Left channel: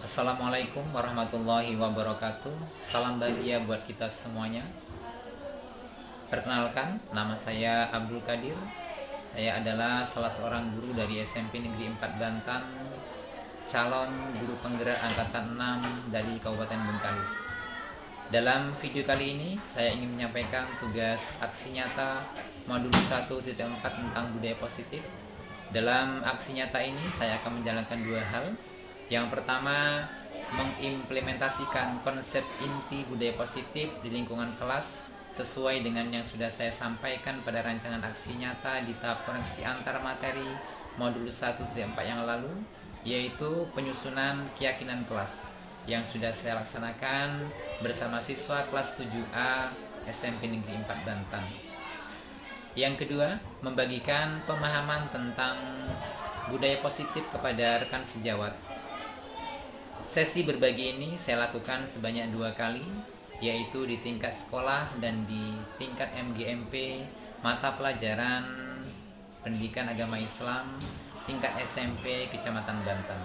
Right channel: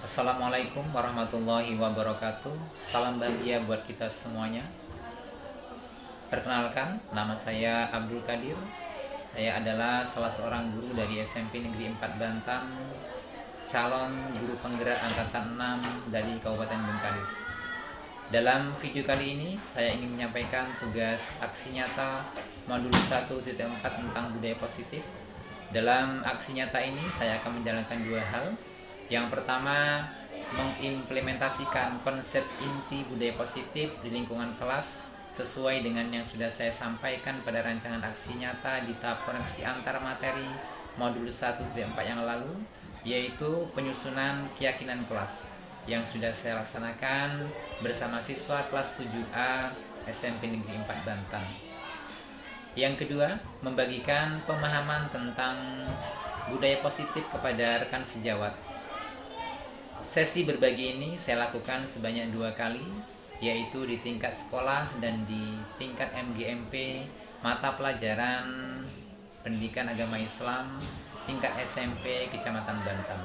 Assalamualaikum warahmatullahi wabarakatuh. Salam bahagia buat kita semuanya. Perkenalkan, nama saya Abdul Qadir. Saya adalah salah seorang guru dari SMP Negeri 4 Bantan, calon guru penggerak angkatan 6 dari Kabupaten Bengkalis. Dalam video kali ini, saya ingin menyampaikan tugas aksi nyata modul 1.4 tentang budaya positif. Dalam aksi nyata ini, saya akan menjalankan dua hal. Yang pertama, mengimplementasikan konsep inti budaya positif di lingkungan kelas sesuai dengan yang sudah saya sampaikan pada rancangan aksi nyata di tahap koneksi antar materi modul 1.4 yang lalu, yaitu penyusunan keyakinan kelas yang sudah saya laksanakan bersama siswa kelas 7A SMP Negeri 4 Bantan. Yang kedua, membagikan pemahaman tentang budaya positif kepada rekan sejawat. Sesi berbagi ini saya lakukan sebanyak 2 kali, yaitu di tingkat sekolah dan di tingkat MGMP mata pelajaran Pendidikan Agama Islam tingkat SMP Kecamatan Bantan.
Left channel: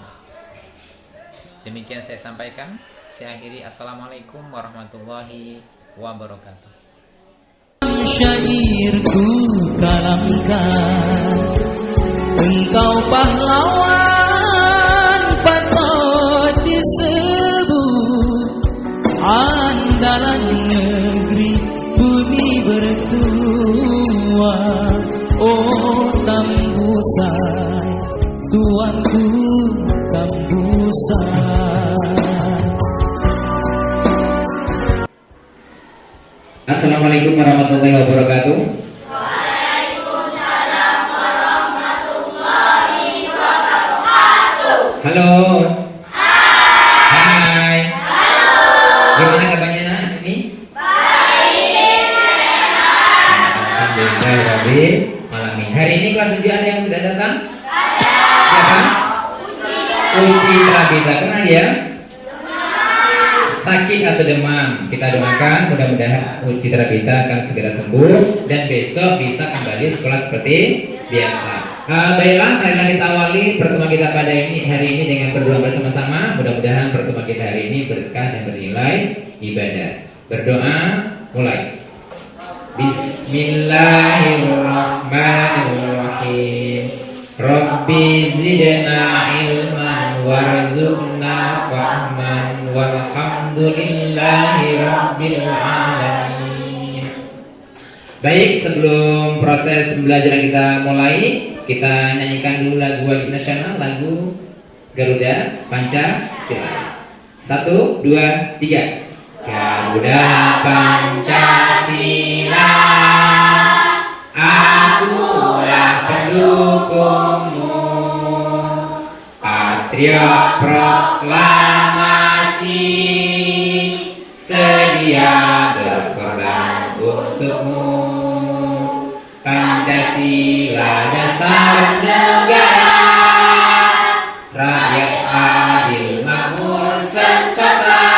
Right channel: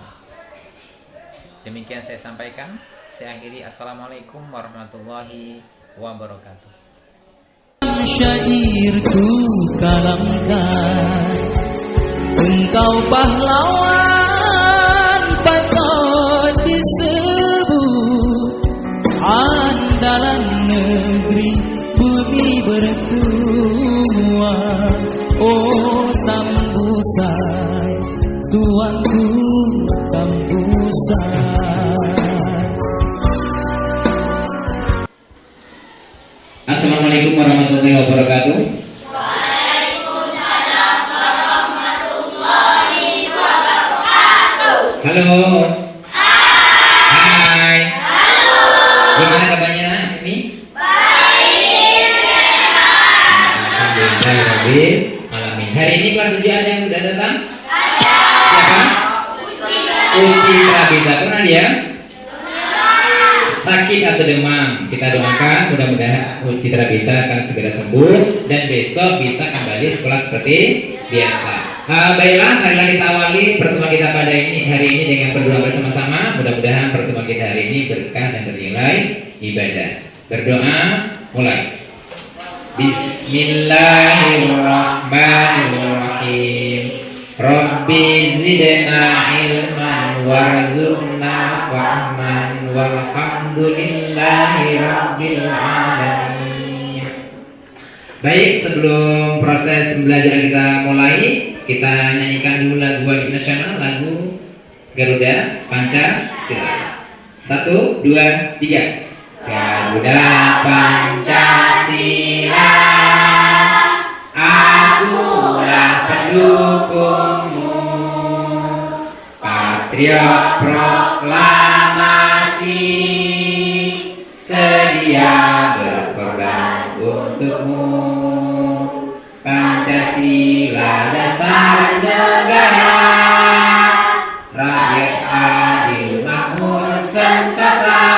Demikian saya sampaikan. Saya akhiri. Assalamualaikum warahmatullahi wabarakatuh. Syairku kalamkan, engkau pahlawan patut disebut, andalan negeri bumi bertua. Oh Tambusai, tuanku Tambusai. Assalamualaikum warahmatullahi wabarakatuh. Waalaikumsalam warahmatullahi wabarakatuh. Halo. Hai. Halo. Gimana kabarnya ini? Baik, sehat. Alhamdulillah. Malam ini. Hari ini kelas ujian yang sudah datang? Ada. Siapa? Uji Rabita. Pernah dia? Sakit atau demam, kita doakan mudah-mudahan Uci Rabita akan segera sembuh dan besok bisa kembali sekolah seperti biasa. Baiklah, marilah kita awali pertemuan kita pada hari ini dengan berdoa bersama-sama. Mudah-mudahan pertemuan kita hari ini berkah dan bernilai ibadah. Berdoa, mulai. Bismillahirrahmanirrahim. Rabbi zidna ilman warzuqna fahman walhamdulillahi rabbil alamin. Baik, sebelum proses pembelajaran kita mulai, kita nyanyikan dulu lagu wajib nasional, lagu Garuda Pancasila. 1, 2, 3. Garuda Pancasila, akulah pendukungmu, patriot proklamasi, sedia berkorban untukmu. Pancasila dasar negara, rakyat adil makmur sentosa,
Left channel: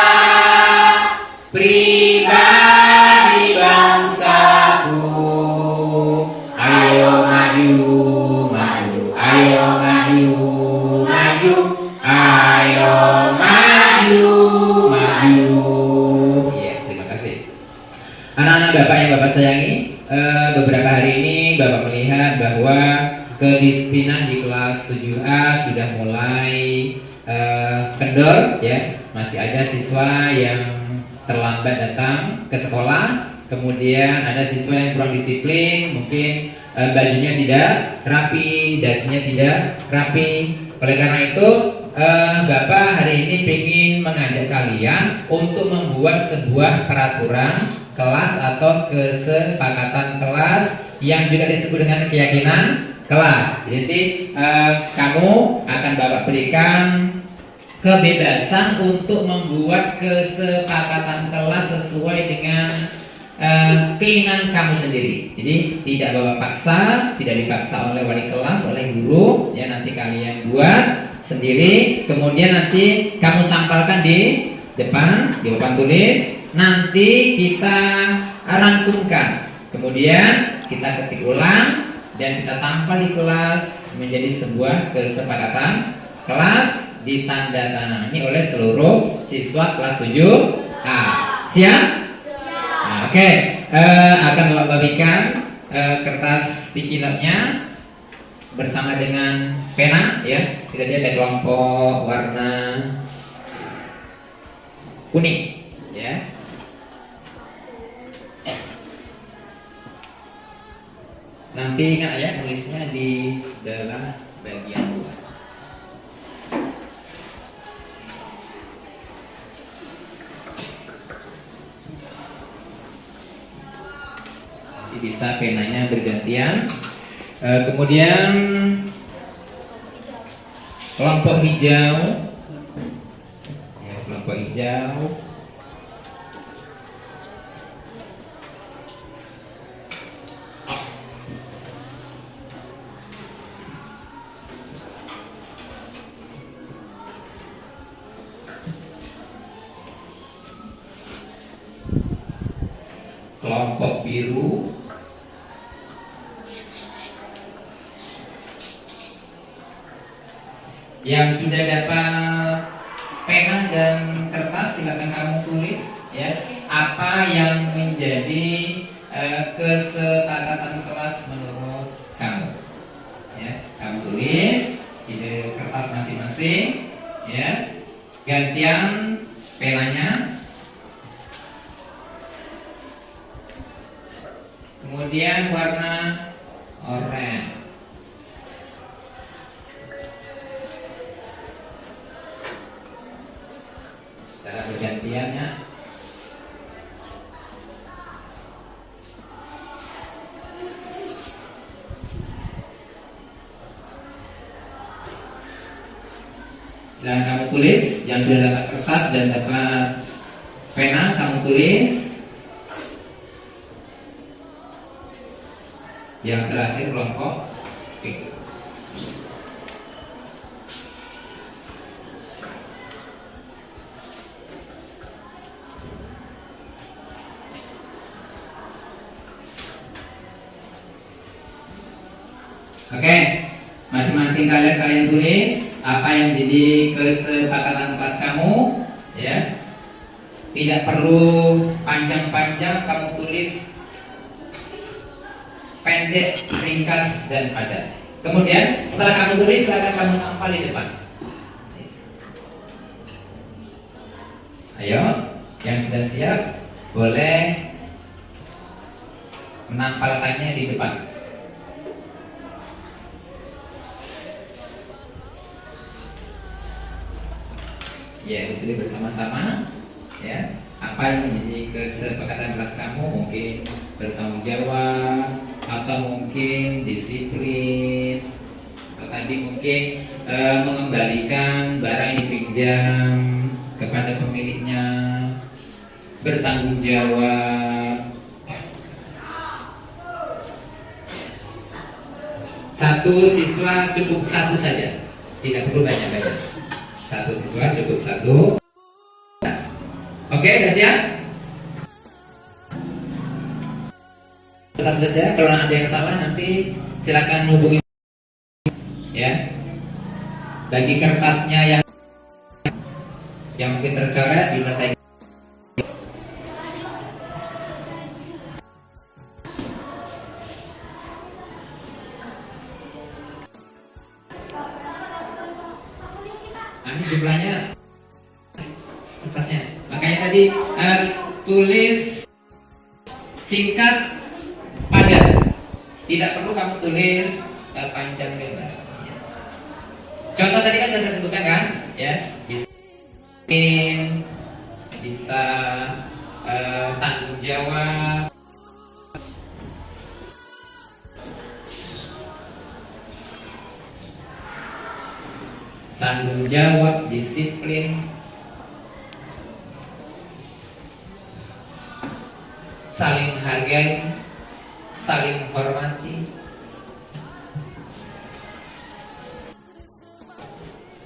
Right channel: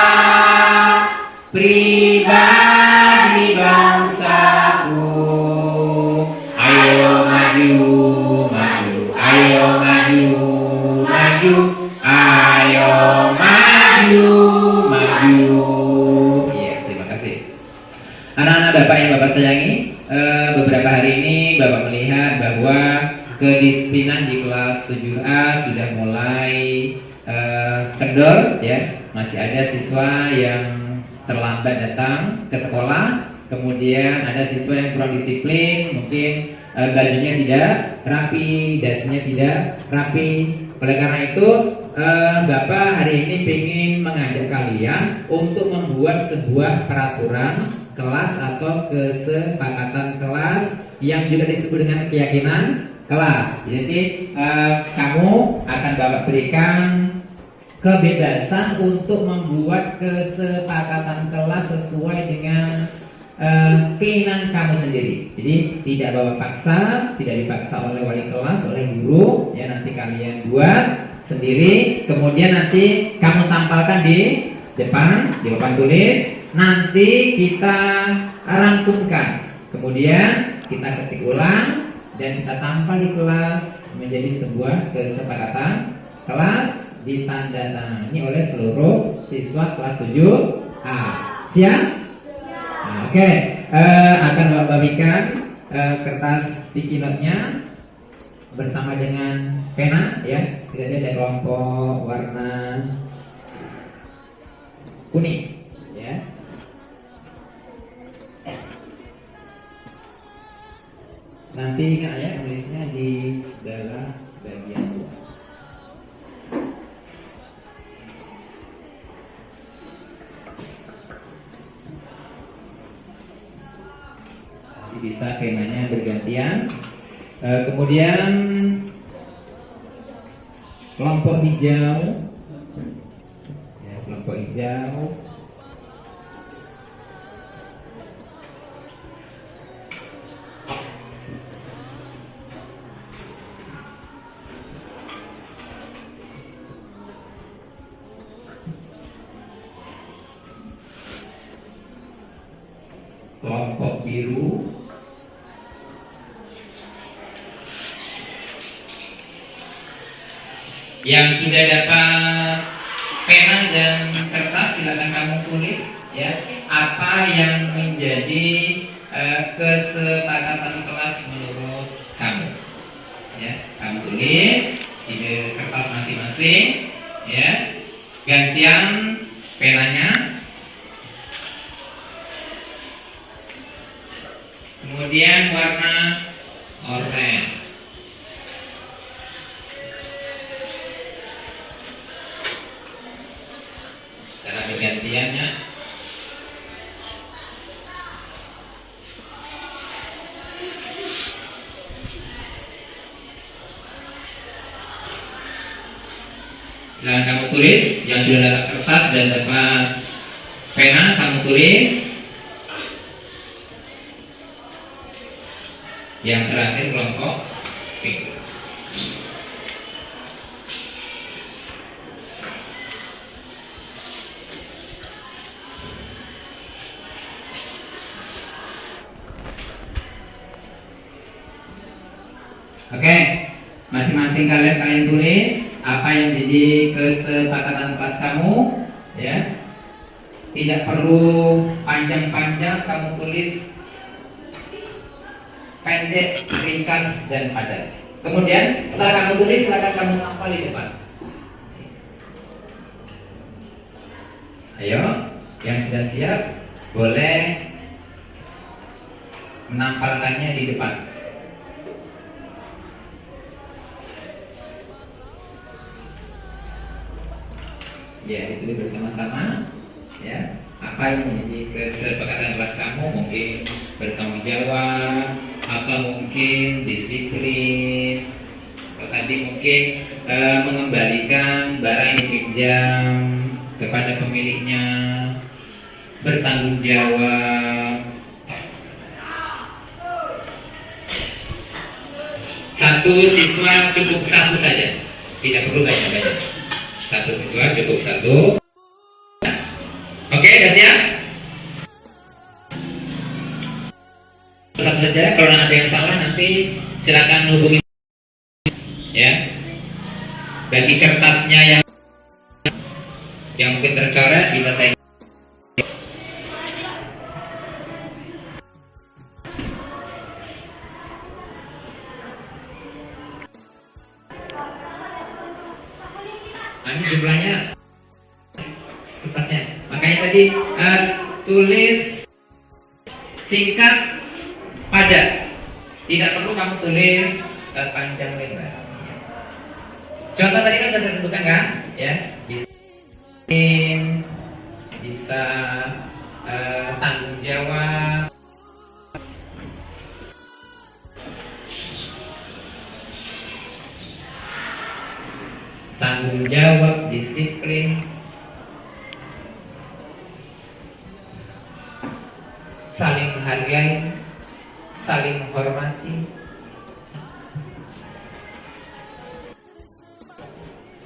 pribadi bangsaku. Ayo maju, maju, ayo maju, maju, ayo maju, maju. Ya, terima kasih. Anak-anak Bapak yang Bapak sayangi, beberapa hari ini Bapak melihat bahwa kedisiplinan di kelas 7A sudah mulai kendor, ya. Masih ada siswa yang terlambat datang ke sekolah, kemudian ada siswa yang kurang disiplin, mungkin bajunya tidak rapi, dasinya tidak rapi. Oleh karena itu, Bapak hari ini ingin mengajak kalian untuk membuat sebuah peraturan kelas atau kesepakatan kelas yang juga disebut dengan keyakinan kelas. Jadi kamu akan Bapak berikan kebebasan untuk membuat kesepakatan kelas sesuai dengan keinginan kamu sendiri. Jadi tidak bawa paksa, tidak dipaksa oleh wali kelas, oleh guru. Ya, nanti kalian buat sendiri, kemudian nanti kamu tampalkan di depan, di papan tulis. Nanti kita rangkumkan, kemudian kita ketik ulang dan kita tampal di kelas menjadi sebuah kesepakatan kelas ditandatangani oleh seluruh siswa kelas 7A. Siap? Nah, oke. Akan Bapak bagikan kertas sticky note-nya bersama dengan pena ya. Kita lihat ada kelompok warna kuning ya. Nanti ingat ya, tulisnya di sebelah bagian luar. Nanti bisa penanya bergantian. Kemudian kelompok hijau, ya, kelompok hijau. Kelompok biru, yang sudah dapat pena dan kertas silakan kamu tulis ya apa yang menjadi kesepakatan kelas menurut kamu ya. Kamu tulis di kertas masing-masing ya, gantian penanya. Kemudian warna oranye. Cara pergantiannya. Silahkan kamu tulis yang sudah dapat kertas dan dapat pena, kamu tulis. Yang terakhir kelompok pink. Oke, masing-masing kalian tulis apa yang jadi kesepakatan kelas kamu ya. Tidak perlu panjang-panjang, kamu tulis pendek, ringkas, dan padat. Kemudian setelah kamu tulis, silakan kamu tampal di depan. Ayo, yang sudah siap boleh menampalkannya di depan. Ya, disitu bersama-sama. Ya, apa yang menjadi kesepakatan kelas kamu, mungkin bertanggung jawab atau mungkin disiplin, atau tadi mungkin mengembalikan barang yang dipinjam kepada pemiliknya, bertanggung jawab. Satu siswa cukup satu saja, tidak perlu banyak-banyak. Satu siswa cukup satu. Oke, udah siap? Satu saja. Kalau ada yang salah nanti silakan hubungi ya. Bagi kertasnya yang mungkin tercoret bisa saya. Nah, ini jumlahnya kertasnya. Makanya tadi tulis singkat padat. Tidak perlu kamu tulis panjang lebar. Contoh tadi kan sudah saya sebutkan kan, ya. Bisa tanggung jawab. Tanggung jawab, disiplin, saling hargai, saling hormati.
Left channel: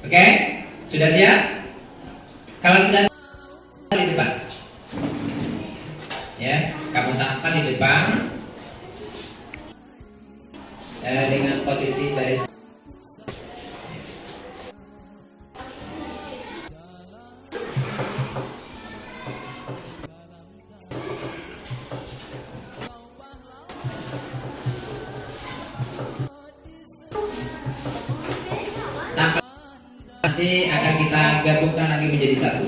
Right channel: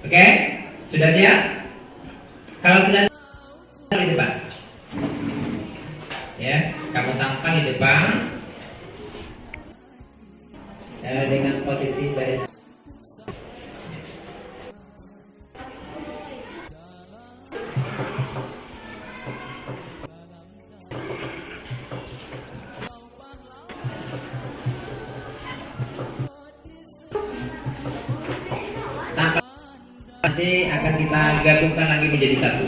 Oke, sudah siap? Kalau sudah di depan, ya, kamu tampal di depan dengan posisi baris. Nanti akan kita gabungkan lagi menjadi satu.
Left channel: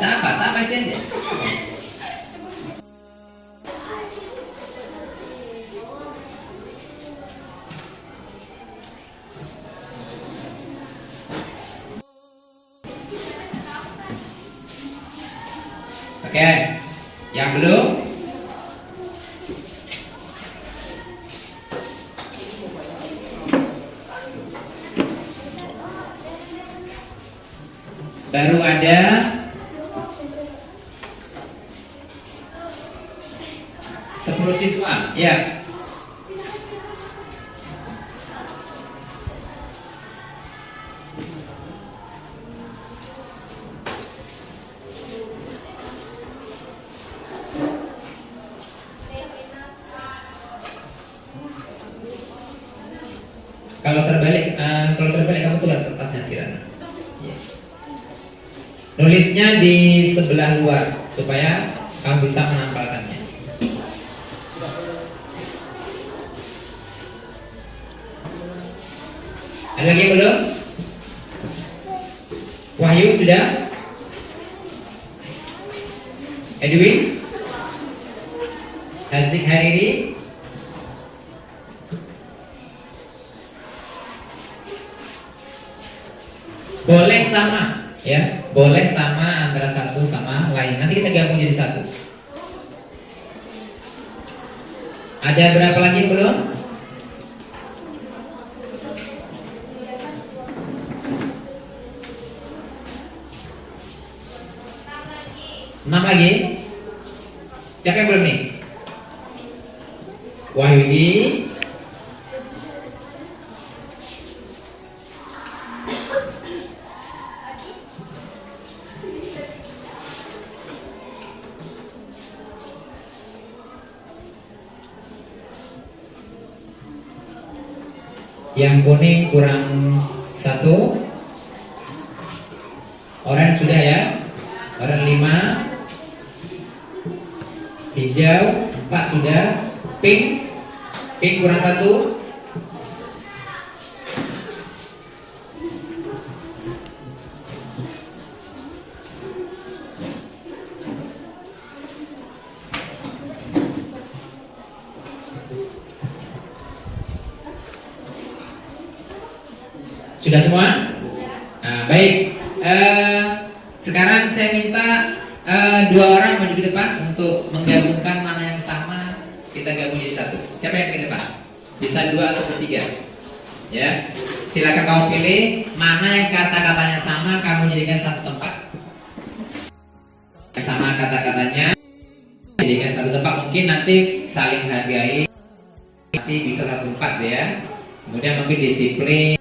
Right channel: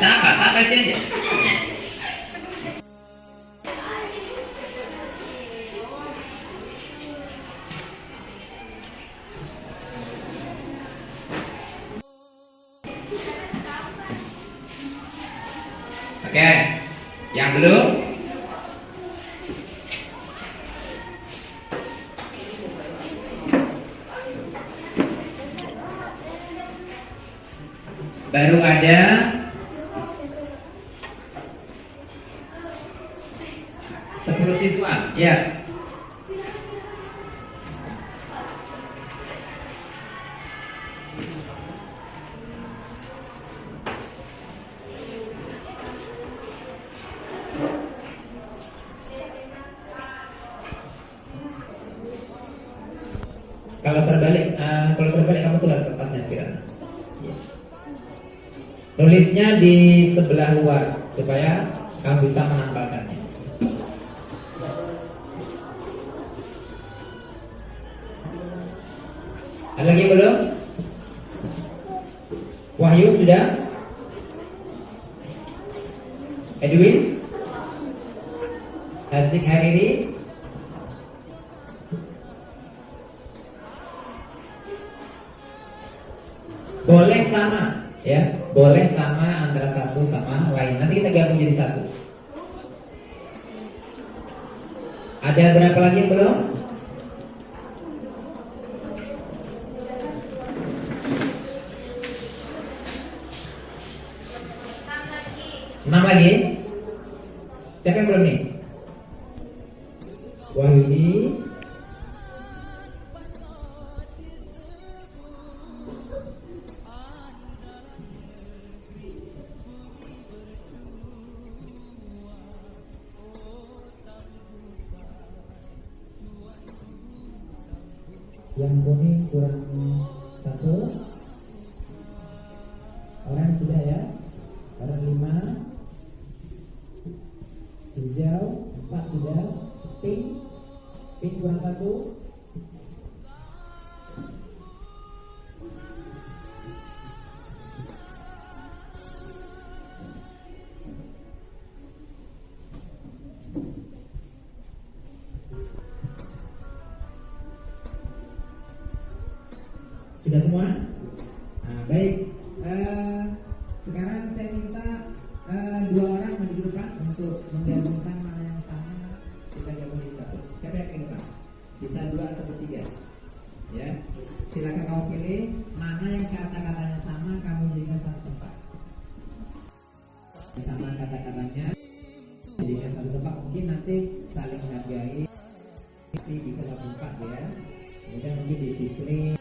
Kenapa? Tak baca aja. Oke, yang belum? Baru ada 10 siswa, ya. Kalau terbalik kamu tulis kertasnya Kirana. Ya. Nulisnya di sebelah luar supaya kamu bisa menempelkannya. Ada lagi belum? Wahyu sudah? Edwin? Hariri? Boleh sama, ya, boleh sama antara satu sama lain. Nanti kita gabung jadi satu. Ada berapa lagi yang belum? Enam lagi. Siapa yang belum nih? Wahyudi. Yang kuning kurang satu. Orange sudah ya. Orange 5. Hijau 4 sudah. Pink kurang satu. Sudah semua? Nah, baik. Sekarang saya minta 2 orang maju ke depan untuk menggabungkan mana yang sama, kita gabung jadi satu. Siapa yang ke depan? Bisa 2 atau 3. Ya. Silakan kamu pilih mana yang kata-katanya sama, kamu jadikan satu tempat. Sama kata-katanya jadikan satu tempat. Mungkin nanti saling hargai. Nanti bisa satu tempat ya. Kemudian mungkin disiplin.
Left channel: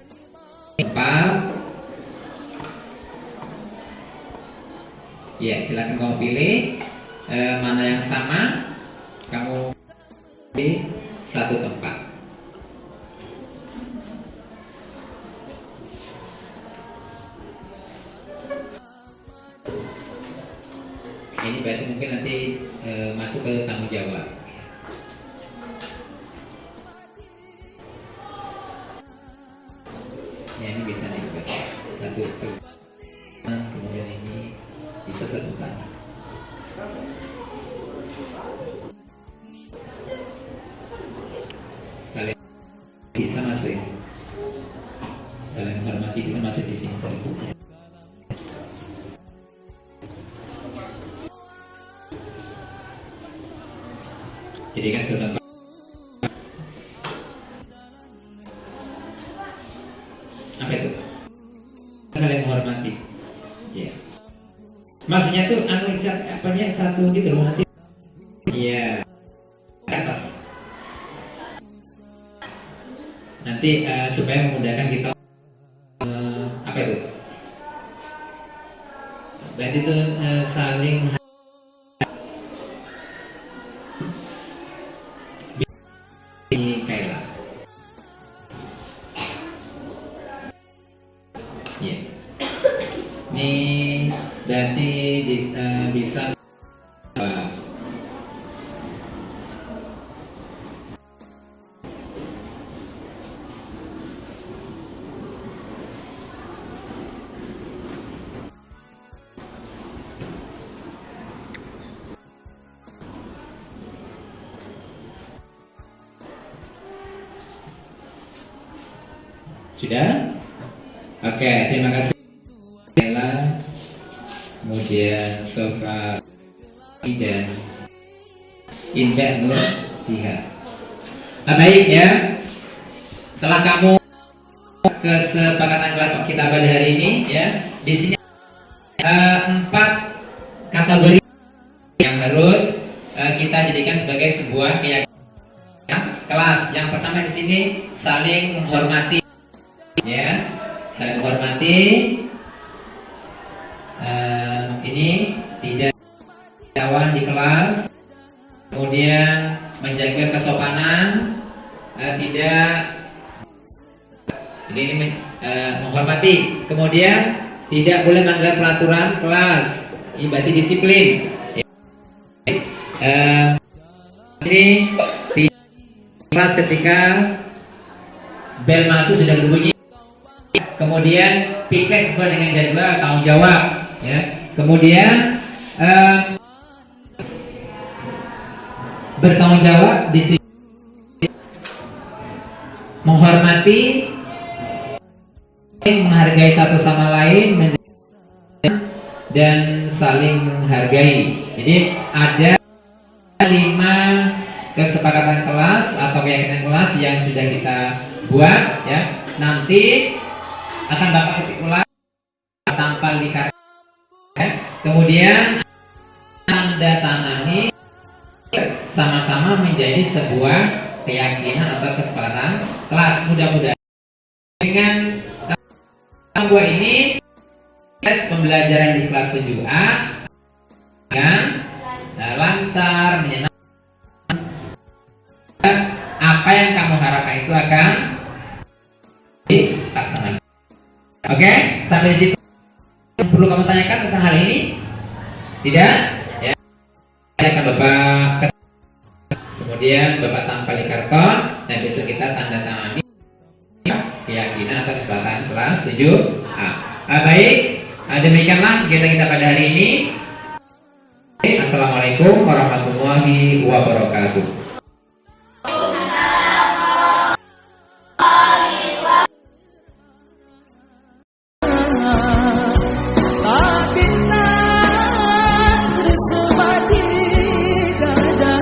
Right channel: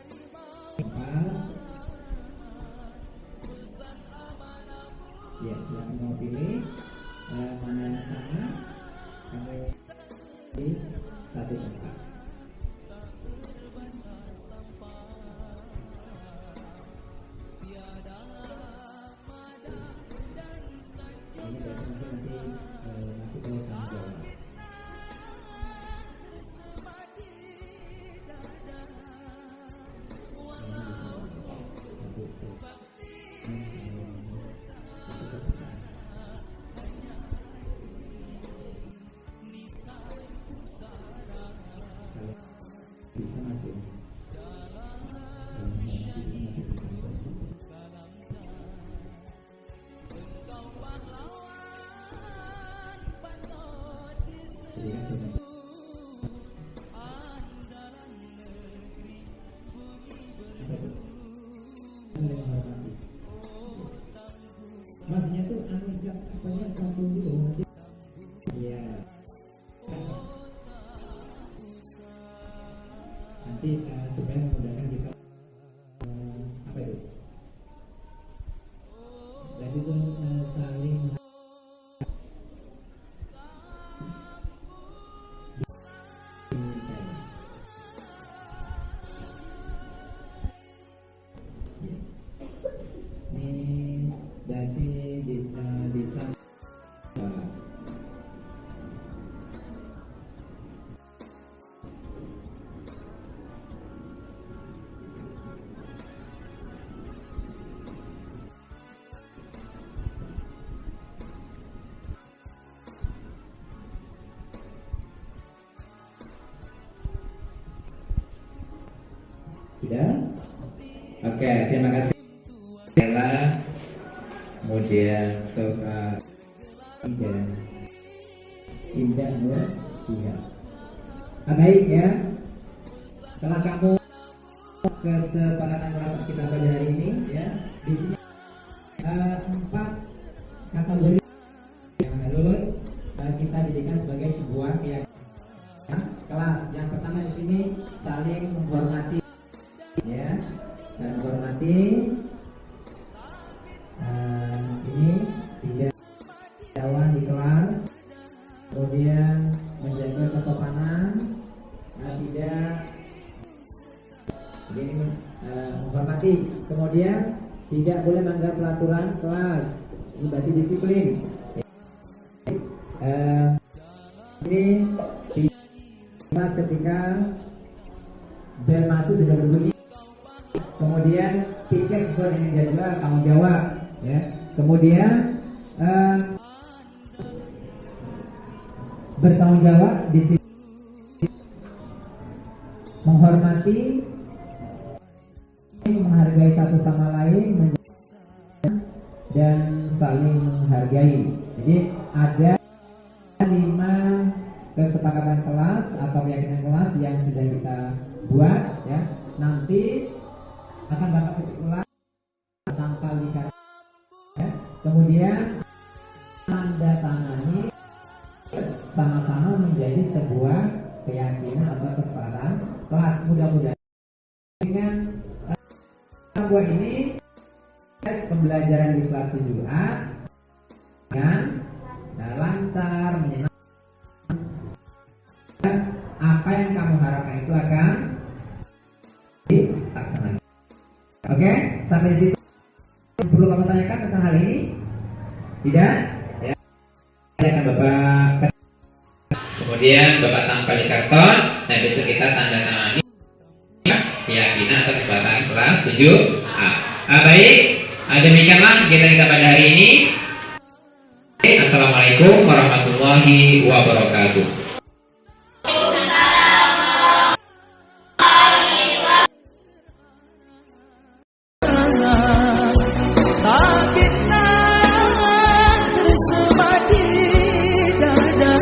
Ya, silakan kamu pilih mana yang sama, kamu di satu tempat. Ini berarti mungkin nanti masuk ke tanggung jawab. Ya, ini bisa nih satu. Kemudian ini bisa satu tanya. Saling bisa masuk ya. Saling menghormati bisa masuk di sini. Jadi kan sudah apa itu? Saling menghormati. Ya. Maksudnya tuh apanya satu gitu loh nanti. Iya. Atas. Nanti supaya memudahkan kita apa itu? Berarti itu saling Kaila. Ya. Ini berarti bisa Sudah? Oke, terima kasih. Ella, kemudian Sofa dan Indah Nur Jihad. Baik ya. Setelah kamu kesepakatan kelompok kita pada hari ini ya, di sini 4 kategori yang harus kita jadikan sebagai sebuah keyakinan kelas. Yang pertama di sini saling menghormati, ya, saling menghormati. Ini tidak kawan di kelas, kemudian menjaga kesopanan, tidak. Jadi ini menghormati, kemudian tidak boleh melanggar peraturan kelas. Ini berarti disiplin. Ini kelas ketika bel masuk sudah berbunyi, kemudian piket sesuai dengan jadwal, tanggung jawab, ya. Kemudian bertanggung jawab, disiplin, menghormati, menghargai satu sama lain, dan saling menghargai. Jadi ada 5 kesepakatan kelas atau keyakinan kelas yang sudah kita buat, ya. Nanti akan dapat kesimpulan tampal di kartu, ya. Kemudian tanda tangani sama-sama menjadi sebuah keyakinan atau kesepakatan kelas. Mudah-mudahan dengan buat ini tes pembelajaran di kelas 7A dengan lancar, menyenangkan. Apa yang kamu harapkan itu akan dilaksanakan. Oke, sampai di situ. Perlu kamu tanyakan tentang hal ini? Tidak? Ya. Akan Bapak, kemudian Bapak tampal di karton, dan besok kita tanda tangani keyakinan atau kesepakatan kelas 7A. Baik, demikianlah kegiatan kita pada hari ini. Assalamualaikum warahmatullahi wabarakatuh. Tak bintang tersebar di dada.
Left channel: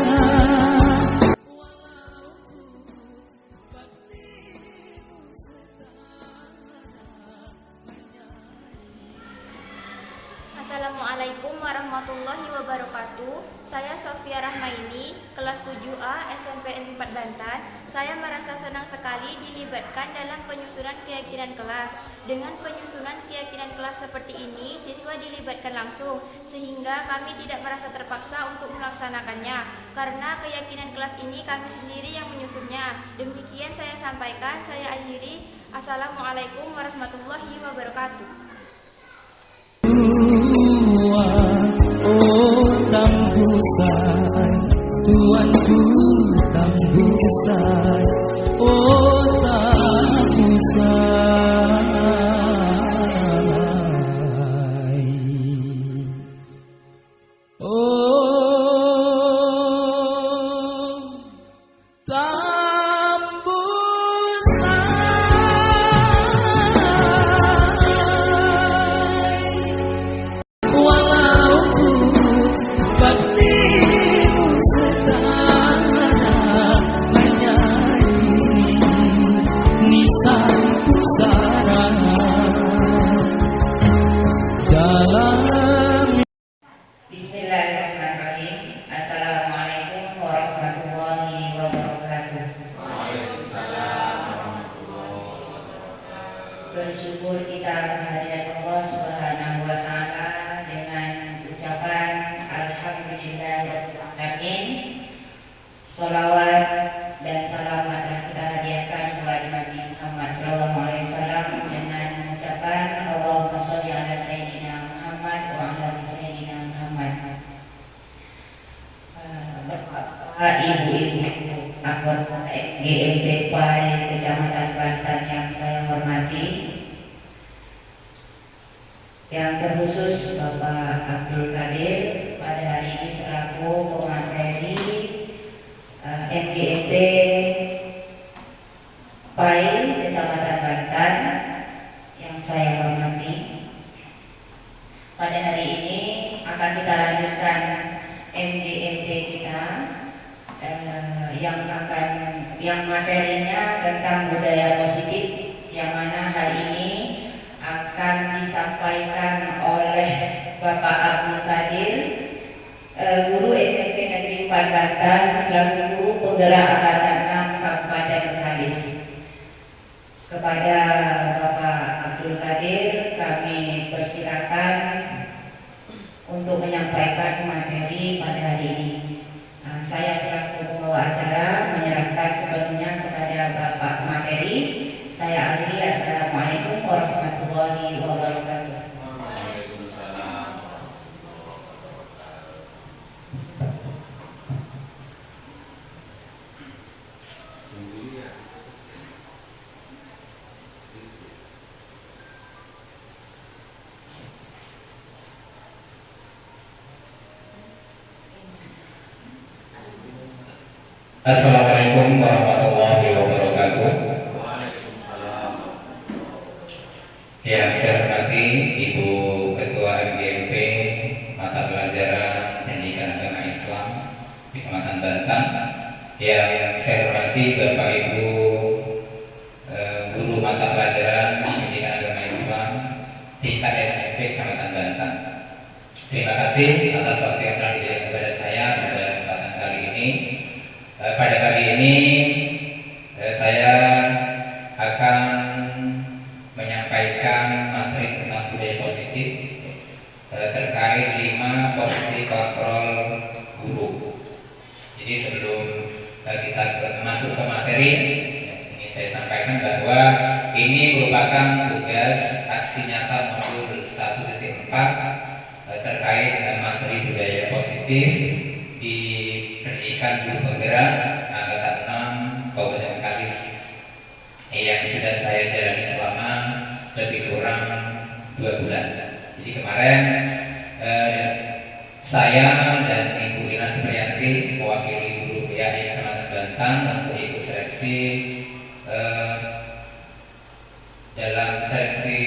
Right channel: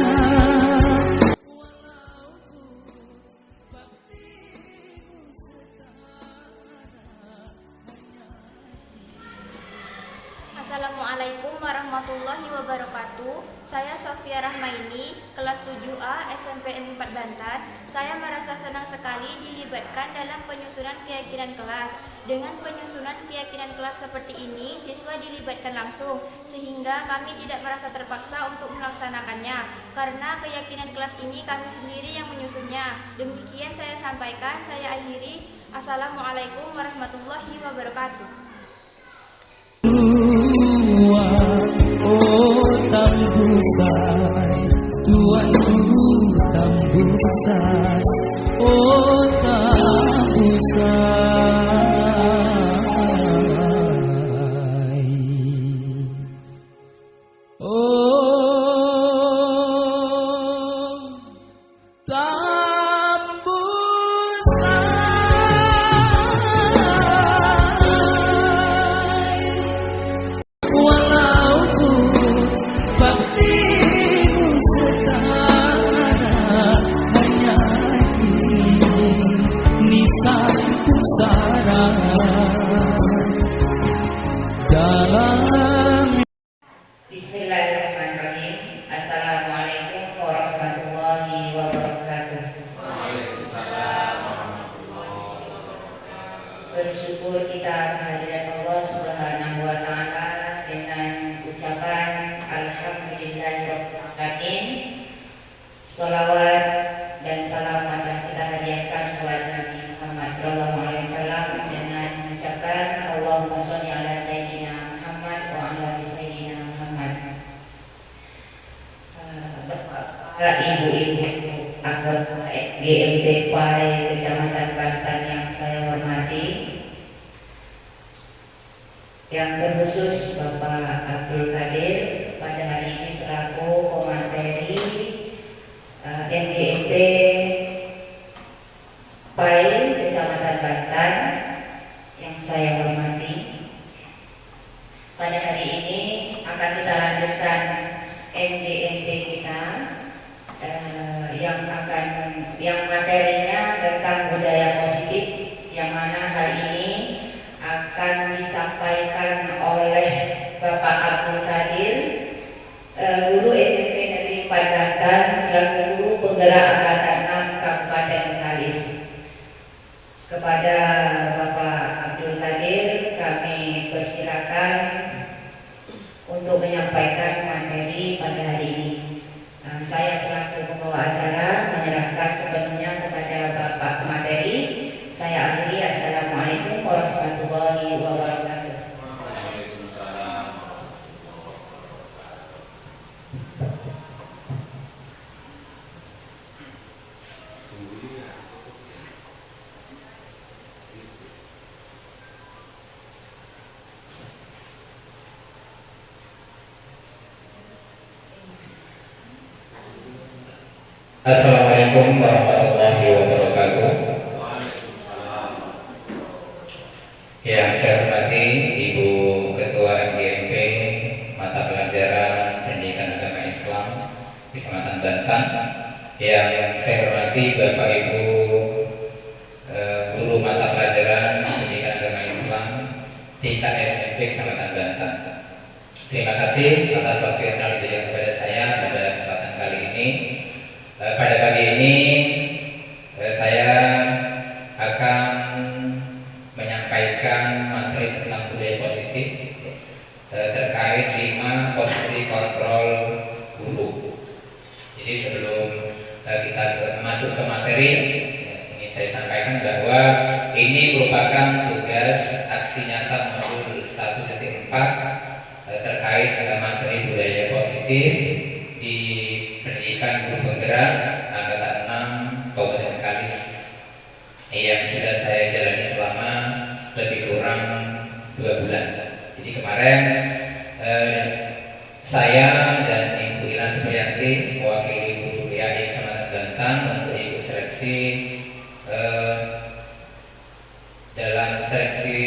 Assalamualaikum warahmatullahi wabarakatuh. Saya Sofia Rahmaini, kelas 7A SMP 4 Bantan. Saya merasa senang sekali dilibatkan dalam penyusunan keyakinan kelas. Dengan penyusunan keyakinan kelas seperti ini, siswa dilibatkan langsung, sehingga kami tidak merasa terpaksa untuk melaksanakannya. Karena keyakinan kelas ini kami sendiri yang menyusunnya. Demikian saya sampaikan, saya akhiri. Assalamualaikum warahmatullahi wabarakatuh. Oh tambusai, tuanku tambusai, oh tambusai, oh tambusai. Walaupun baktimu setara, hanya ini nisan pusara dalam. Bismillahirrahmanirrahim. Assalamualaikum warahmatullahi wabarakatuh. Bersyukur kita kehadirat Allah Subhanahu wa taala dengan ucapan alhamdulillahirrahmanirrahim. Sholawat dan salam kita hadiahkan salat Nabi Muhammad SAW dengan mengucapkan Allahumma sholli ala sayyidina Muhammad wa ala ali sayyidina Muhammad. Bapak, ibu-ibu anggota GMP PAI Kecamatan Bantan yang saya hormati, yang terkhusus Bapak Abdul Qadir pada hari ini selaku pemateri MGMP PAI Kecamatan Bantan, pada hari ini akan kita lanjutkan MGMT kita yang materinya tentang budaya positif, yang mana hari ini akan disampaikan oleh Bapak Abdul Qadir, guru SMP Negeri 4 Banten selaku guru penggerak Angkatan 6 Kabupaten Bengkalis. Kepada Bapak Abdul Qadir kami persilakan untuk menyampaikan materi pada hari ini. Saya selaku pembawa acara menyerahkan sepenuhnya kepada Bapak materi. Saya akhiri. Assalamualaikum warahmatullahi wabarakatuh. Assalamualaikum warahmatullahi wabarakatuh. Yang saya hormati Ibu Ketua MGMP Mata Pelajaran Pendidikan Agama Islam Kecamatan Banten. Yang saya hormati Bapak Ibu Guru Mata Pelajaran Pendidikan Agama Islam tingkat SMP Kecamatan Banten. Terima kasih atas waktu yang telah diberikan kepada saya pada kesempatan kali ini. Pada pagi ini saya akan menyampaikan materi tentang budaya positif terkait 5 posisi kontrol guru. Jadi sebelum kita masuk ke materi, ini saya sampaikan bahwa ini merupakan tugas aksi nyata modul 1.4 terkait dengan materi budaya positif di pendidikan guru penggerak Angkatan 6 Kabupaten Bengkalis yang sudah saya jalani selama lebih kurang 2 bulan. Jadi kemarin saya dan Ibu Ina Supriyanti mewakili guru PAI Kecamatan Banten untuk ikut seleksi dalam seleksi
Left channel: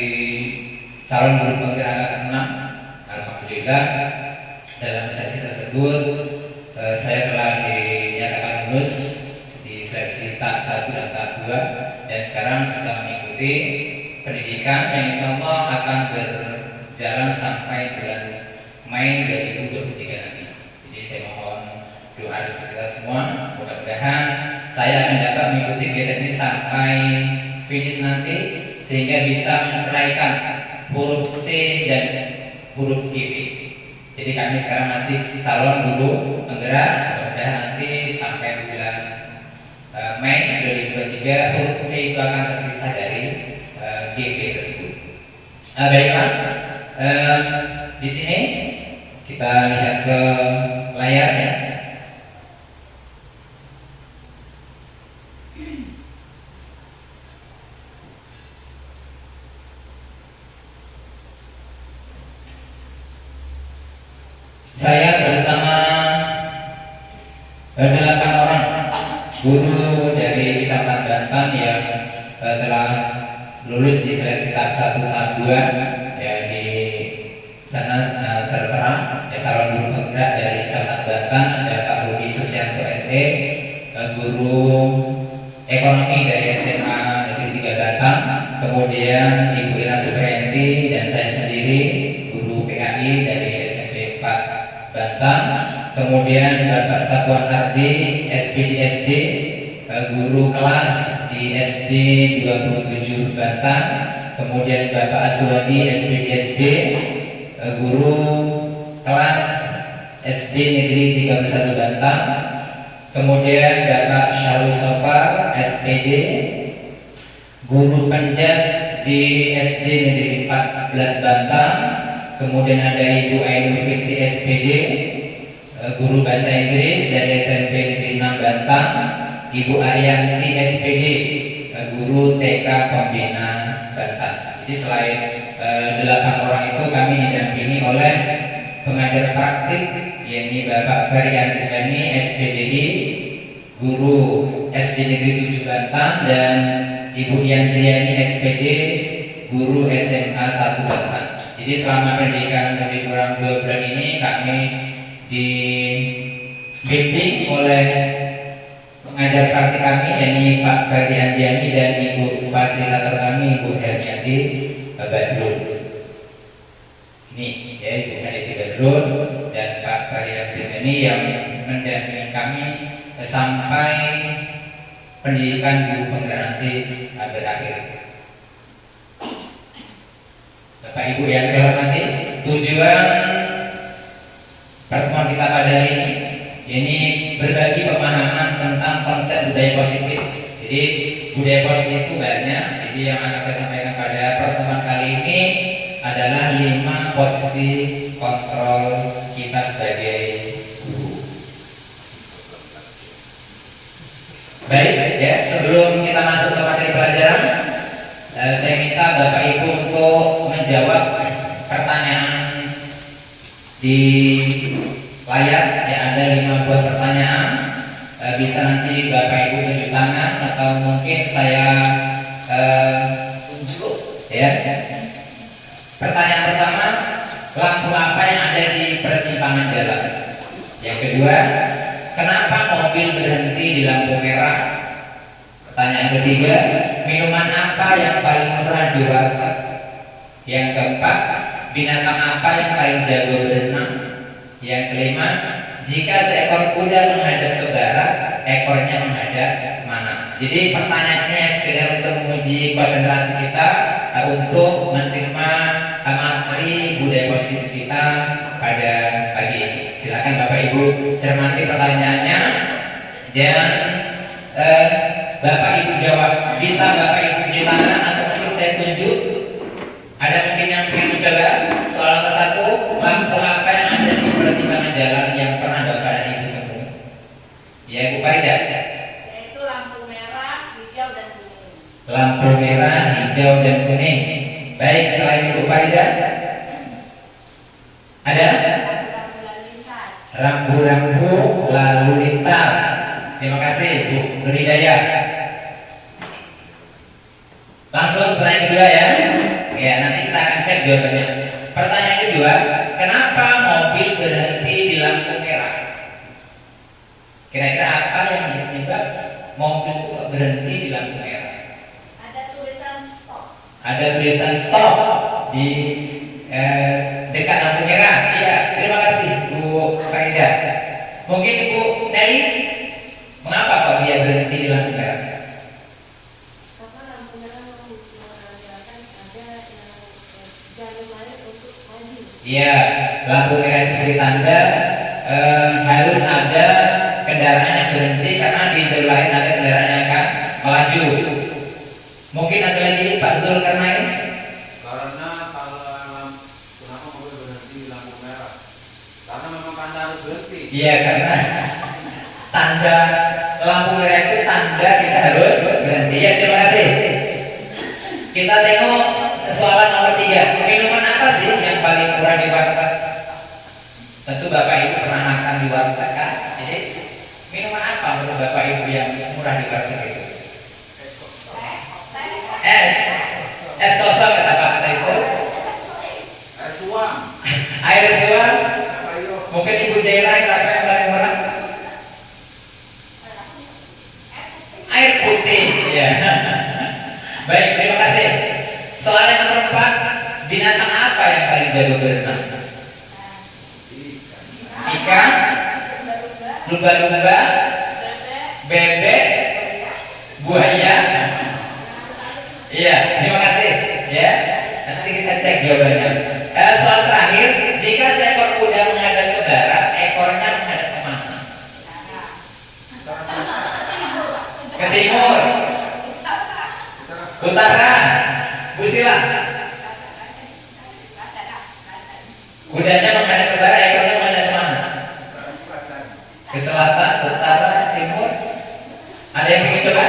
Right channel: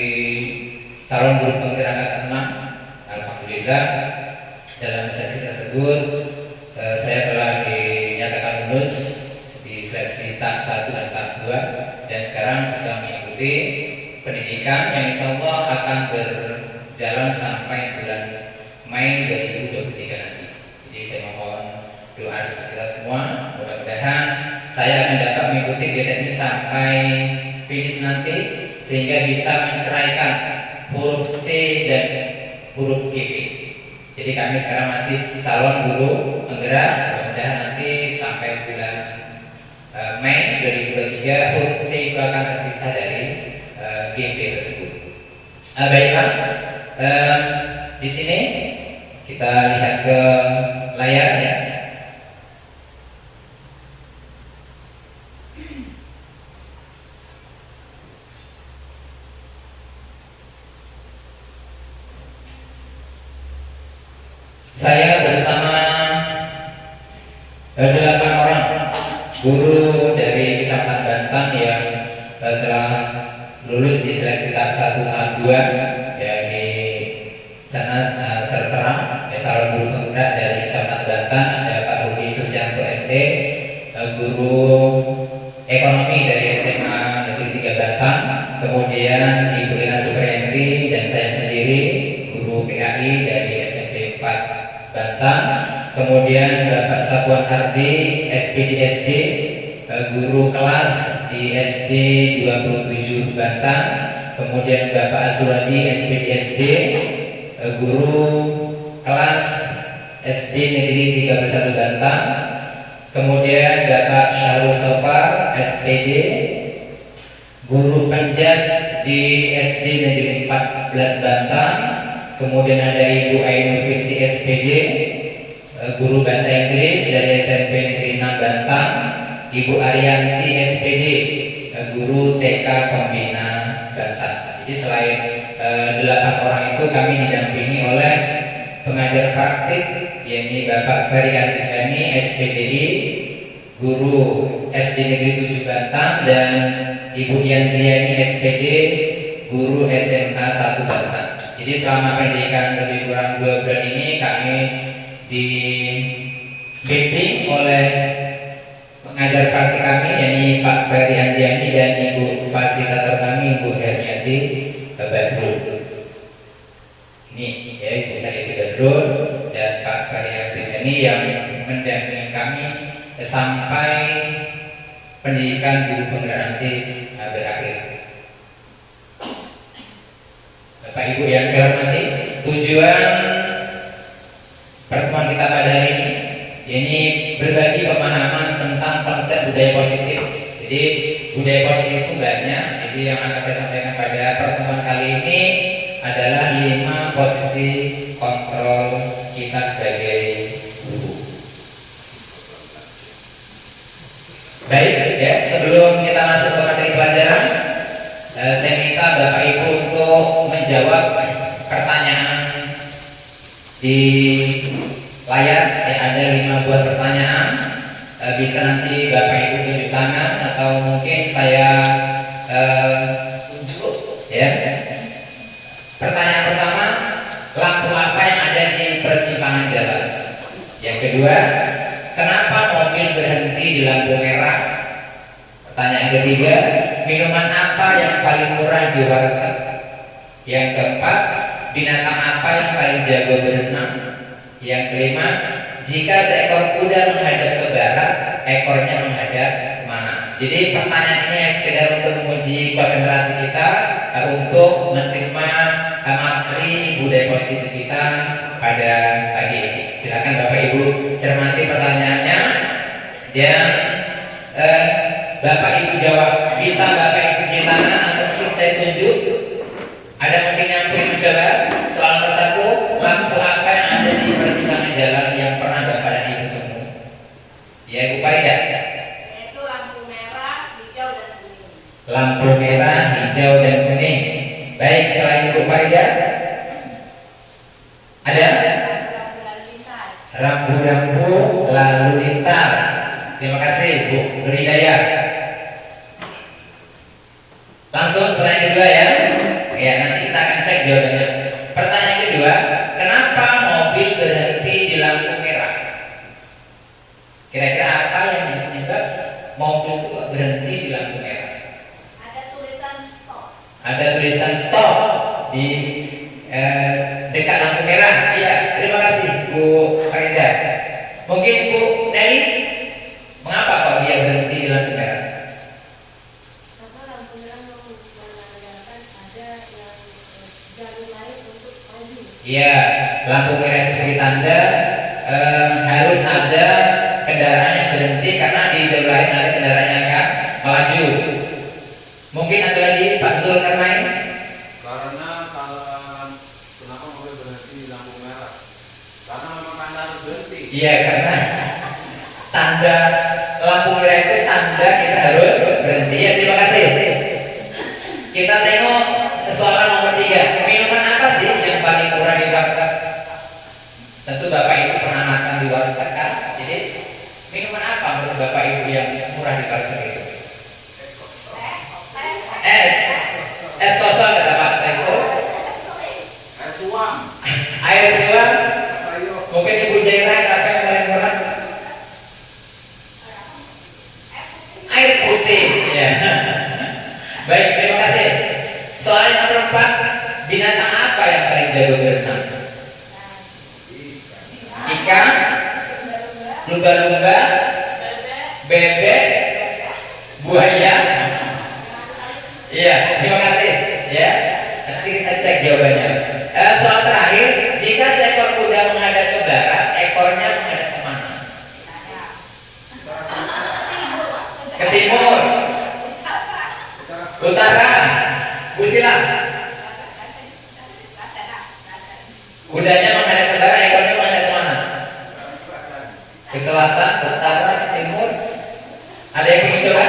calon guru penggerak Angkatan 6. Alhamdulillah dalam seleksi tersebut saya telah dinyatakan lulus di seleksi tahap 1 dan tahap 2 dan sekarang sedang mengikuti pendidikan yang insya Allah akan berjalan sampai bulan Mei 2023 nanti. Jadi saya mohon doa kita semua, mudah-mudahan saya akan dapat mengikuti kegiatan ini sampai finish nanti sehingga bisa menceraikan huruf C dan huruf G. Jadi kami sekarang masih calon guru penggerak, mudah-mudahan nanti sampai bulan Mei 2023 huruf C itu akan terpisah dari GP tersebut. Baiklah, di sini kita lihat ke layar ya. Saya bersama 8 orang guru dari Kecamatan Banten yang telah lulus di seleksi tahap 1 tahap 2 yang di sana tertera calon guru penggerak dari Kecamatan Banten ada Pak Rudi Susianto SD, guru ekonomi dari SMA Negeri 3 Banten, kemudian Ibu Ina Supriyanti dan saya sendiri guru PAI dari SMP 4 Banten, kemudian Bapak Satuan Ardi SPD guru kelas di SD 27 Banten, kemudian Bapak Azwadi SPD guru kelas SD Negeri 31 Banten, kemudian Bapak Syahrul Sofar SPD guru penjas di SD Negeri 14 Banten, kemudian ada Ibu Ainul Fitri SPD guru bahasa Inggris dari SMP Negeri 6 Banten, Ibu Ariyanti SPD guru TK Pembina Banten. Jadi selain 8 orang itu kami didampingi oleh pengajar praktik yakni Bapak Ferry Antiani SPDI guru SD Negeri 7 Banten dan Ibu Yandriani SPD guru SMA 1 Banten. Jadi selama pendidikan lebih kurang 2 bulan ini kami dibimbing oleh pengajar praktik kami, yakni Pak Ferry Andiani dan Ibu fasilitator kami, Ibu Hermiati Badrun. Ini ya Ibu Hermiati Badrun dan Pak Ferry Andiani yang mendampingi kami sampai pendidikan guru penggerak nanti berakhir. Bapak Ibu yang saya hormati, tujuan pertemuan kita pada hari ini berbagi pemahaman tentang konsep budaya positif. Jadi budaya positif itu banyak. Jadi yang akan saya sampaikan pada pertemuan kali ini adalah 5 posisi kontrol kita sebagai guru. Baik, ya, sebelum kita masuk ke materi pelajaran, saya minta Bapak Ibu untuk menjawab pertanyaan di layar. Ya, ada 5 buah pertanyaan. Bisa nanti Bapak Ibu tunjuk tangan atau mungkin saya tunjuk. Ya. Pertanyaan pertama, lampu apa yang ada di persimpangan jalan? Yang kedua, kenapa mobil berhenti di lampu merah? Pertanyaan ketiga, minuman apa yang paling murah di warteg? Yang keempat, binatang apa yang paling jago berenang? Yang kelima, jika seekor kuda menghadap ke barat, ekornya menghadap mana? Jadi pertanyaannya sekedar untuk menguji konsentrasi kita untuk menerima materi budaya positif kita pada pagi ini. Silakan Bapak Ibu cermati pertanyaannya dan Bapak Ibu jawab. Bisa Bapak Ibu cuci tangan atau mungkin saya tunjuk. Ada mungkin yang ingin mencoba? Soal nomor 1, lampu apa yang ada di persimpangan jalan yang pernah Bapak dan Ibu temui? Ya, Ibu Farida. Yaitu lampu merah, hijau, dan kuning. Lampu merah, hijau, dan kuning. Baik, selain Ibu Farida, ada? Lampu lalu lintas. Rambu-rambu lalu lintas. Terima kasih Bu Hidayah. Langsung pertanyaan kedua ya. Ya, nanti kita akan cek jawabannya. Pertanyaan kedua, kenapa mobil berhenti di lampu merah? Kira-kira apa yang menyebab mobil itu berhenti di lampu merah? Ada tulisan stop. Ada tulisan stop di dekat lampu merah. Iya, terima kasih Bu Farida. Mungkin Bu Neri, mengapa kok dia berhenti di lampu merah? Karena lampu merah menandakan ada yang jalur lain untuk mobil. Iya, lampu merah itu sebagai tanda harus ada kendaraan yang berhenti karena di jalur lain ada kendaraan yang akan melaju. Mungkin ada lagi Pak Zulkarnain? Karena kalau kenapa mobil berhenti di lampu merah? Karena memang tanda harus berhenti. Iya, karena tanda lampu merah itu tanda kita harus berhenti. Ya, terima kasih. Kita tengok soalan nomor 3. Minuman apa sih yang paling murah di warteg? Tentu Bapak Ibu pernah makan di warteg kan? Jadi minuman apa menurut Bapak Ibu yang murah di warteg itu? Es kosong kata Pak Saiful. Air suam. Air suam. Ayo. Mungkin Ibu Jaira apa yang paling murah? Air putih. Ya. Baik, terima kasih. Soal yang nomor 4, binatang apa yang paling jago berenang? Ikan, lumba-lumba, bebek, buaya. Iya, terima kasih. Ya, nanti kita cek jawabannya. Soal terakhir, jika seekor kuda menghadap ke barat, ekornya menghadap ke mana? Ke timur, utara. Bu Sila. Kudanya menghadap ke barat, ekornya menghadap ke mana? Ke selatan, utara, timur. Ada yang ingin coba?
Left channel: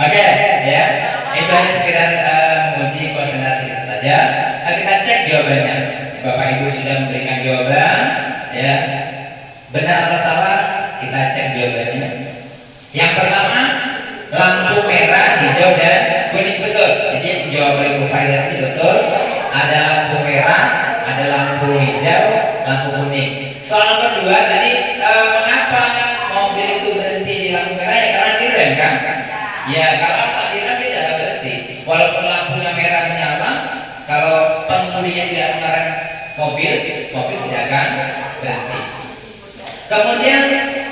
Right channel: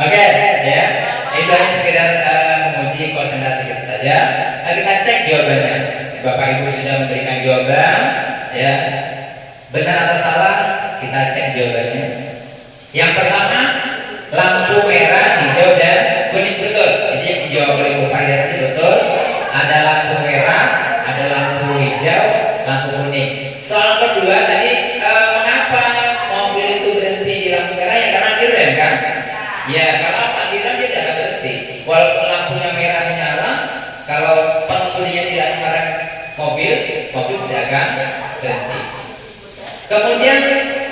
Oke, ya. Itu hanya sekedar menguji konsentrasi kita saja. Kita cek jawabannya. Bapak Ibu sudah memberikan jawaban, ya. Benar atau salah? Kita cek jawabannya. Yang pertama, lampu merah, hijau, dan kuning. Betul variasi betul. Ada lampu merah, ada lampu hijau, lampu kuning. Soal kedua tadi, mengapa mobil itu berhenti di lampu merah? Ya karena direm kan? Ya kalau tak direm dia tidak berhenti. Walaupun lampunya merah menyala, kalau pengemudinya tidak mengerem mobil tidak akan berhenti. Kemudian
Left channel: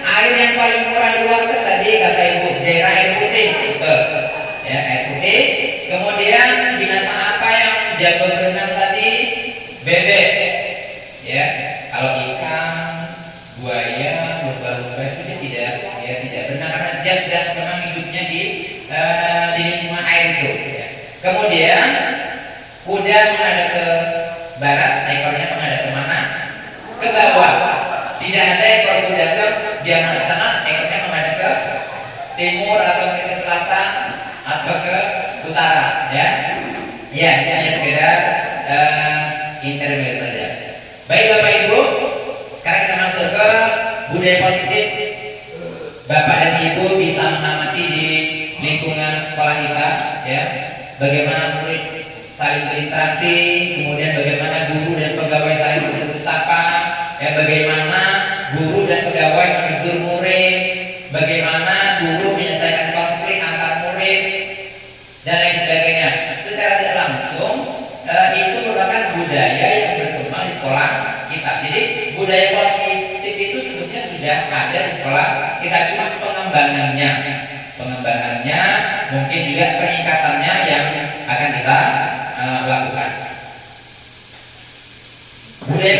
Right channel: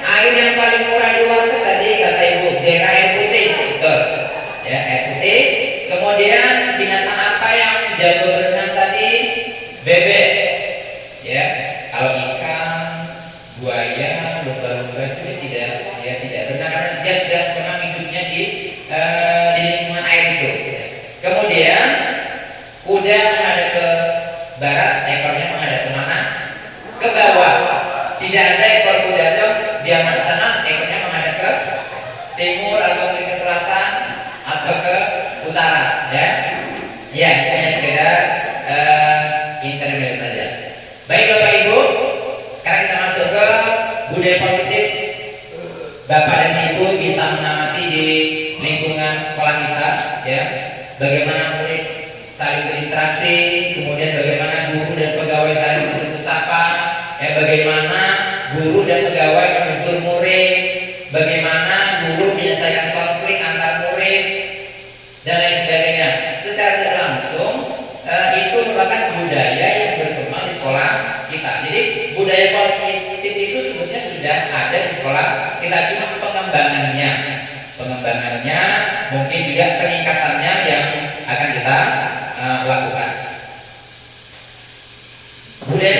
air yang paling murah di warteg tadi kata Ibu Jera air putih, betul. Ya, air putih. Kemudian binatang apa yang jago berenang tadi? Bebek. Ya, kalau ikan, buaya, lumba-lumba itu tidak berenang karena dia sudah memang hidupnya di lingkungan air itu. Ya. Kemudian kuda menghadap ke barat, ekornya menghadap ke mana? Ke bawah. Tidak ada ekor kuda dia menghadap sana, ekornya menghadap ke timur atau ke selatan atau ke utara, ya. Ya, itu hanya sekedar intermezzo saja. Baik Bapak Ibu, sekarang kita masuk ke budaya positif. Bapak dan Ibu bisa mengamati di lingkungan sekolah kita, ya. Bagaimana murid saling berinteraksi, kemudian bagaimana guru dan pegawai saling bertutur sapa, ya, bagaimana guru dan pegawai menegur murid, bagaimana guru menyelesaikan konflik antar murid dan lain sebagainya. Secara tidak langsung itu merupakan budaya yang berkembang di sekolah kita. Jadi budaya positif itu sebetulnya sudah ada di sekolah kita, cuma pengembangannya mungkin juga peningkatannya yang akan kita lakukan. Budaya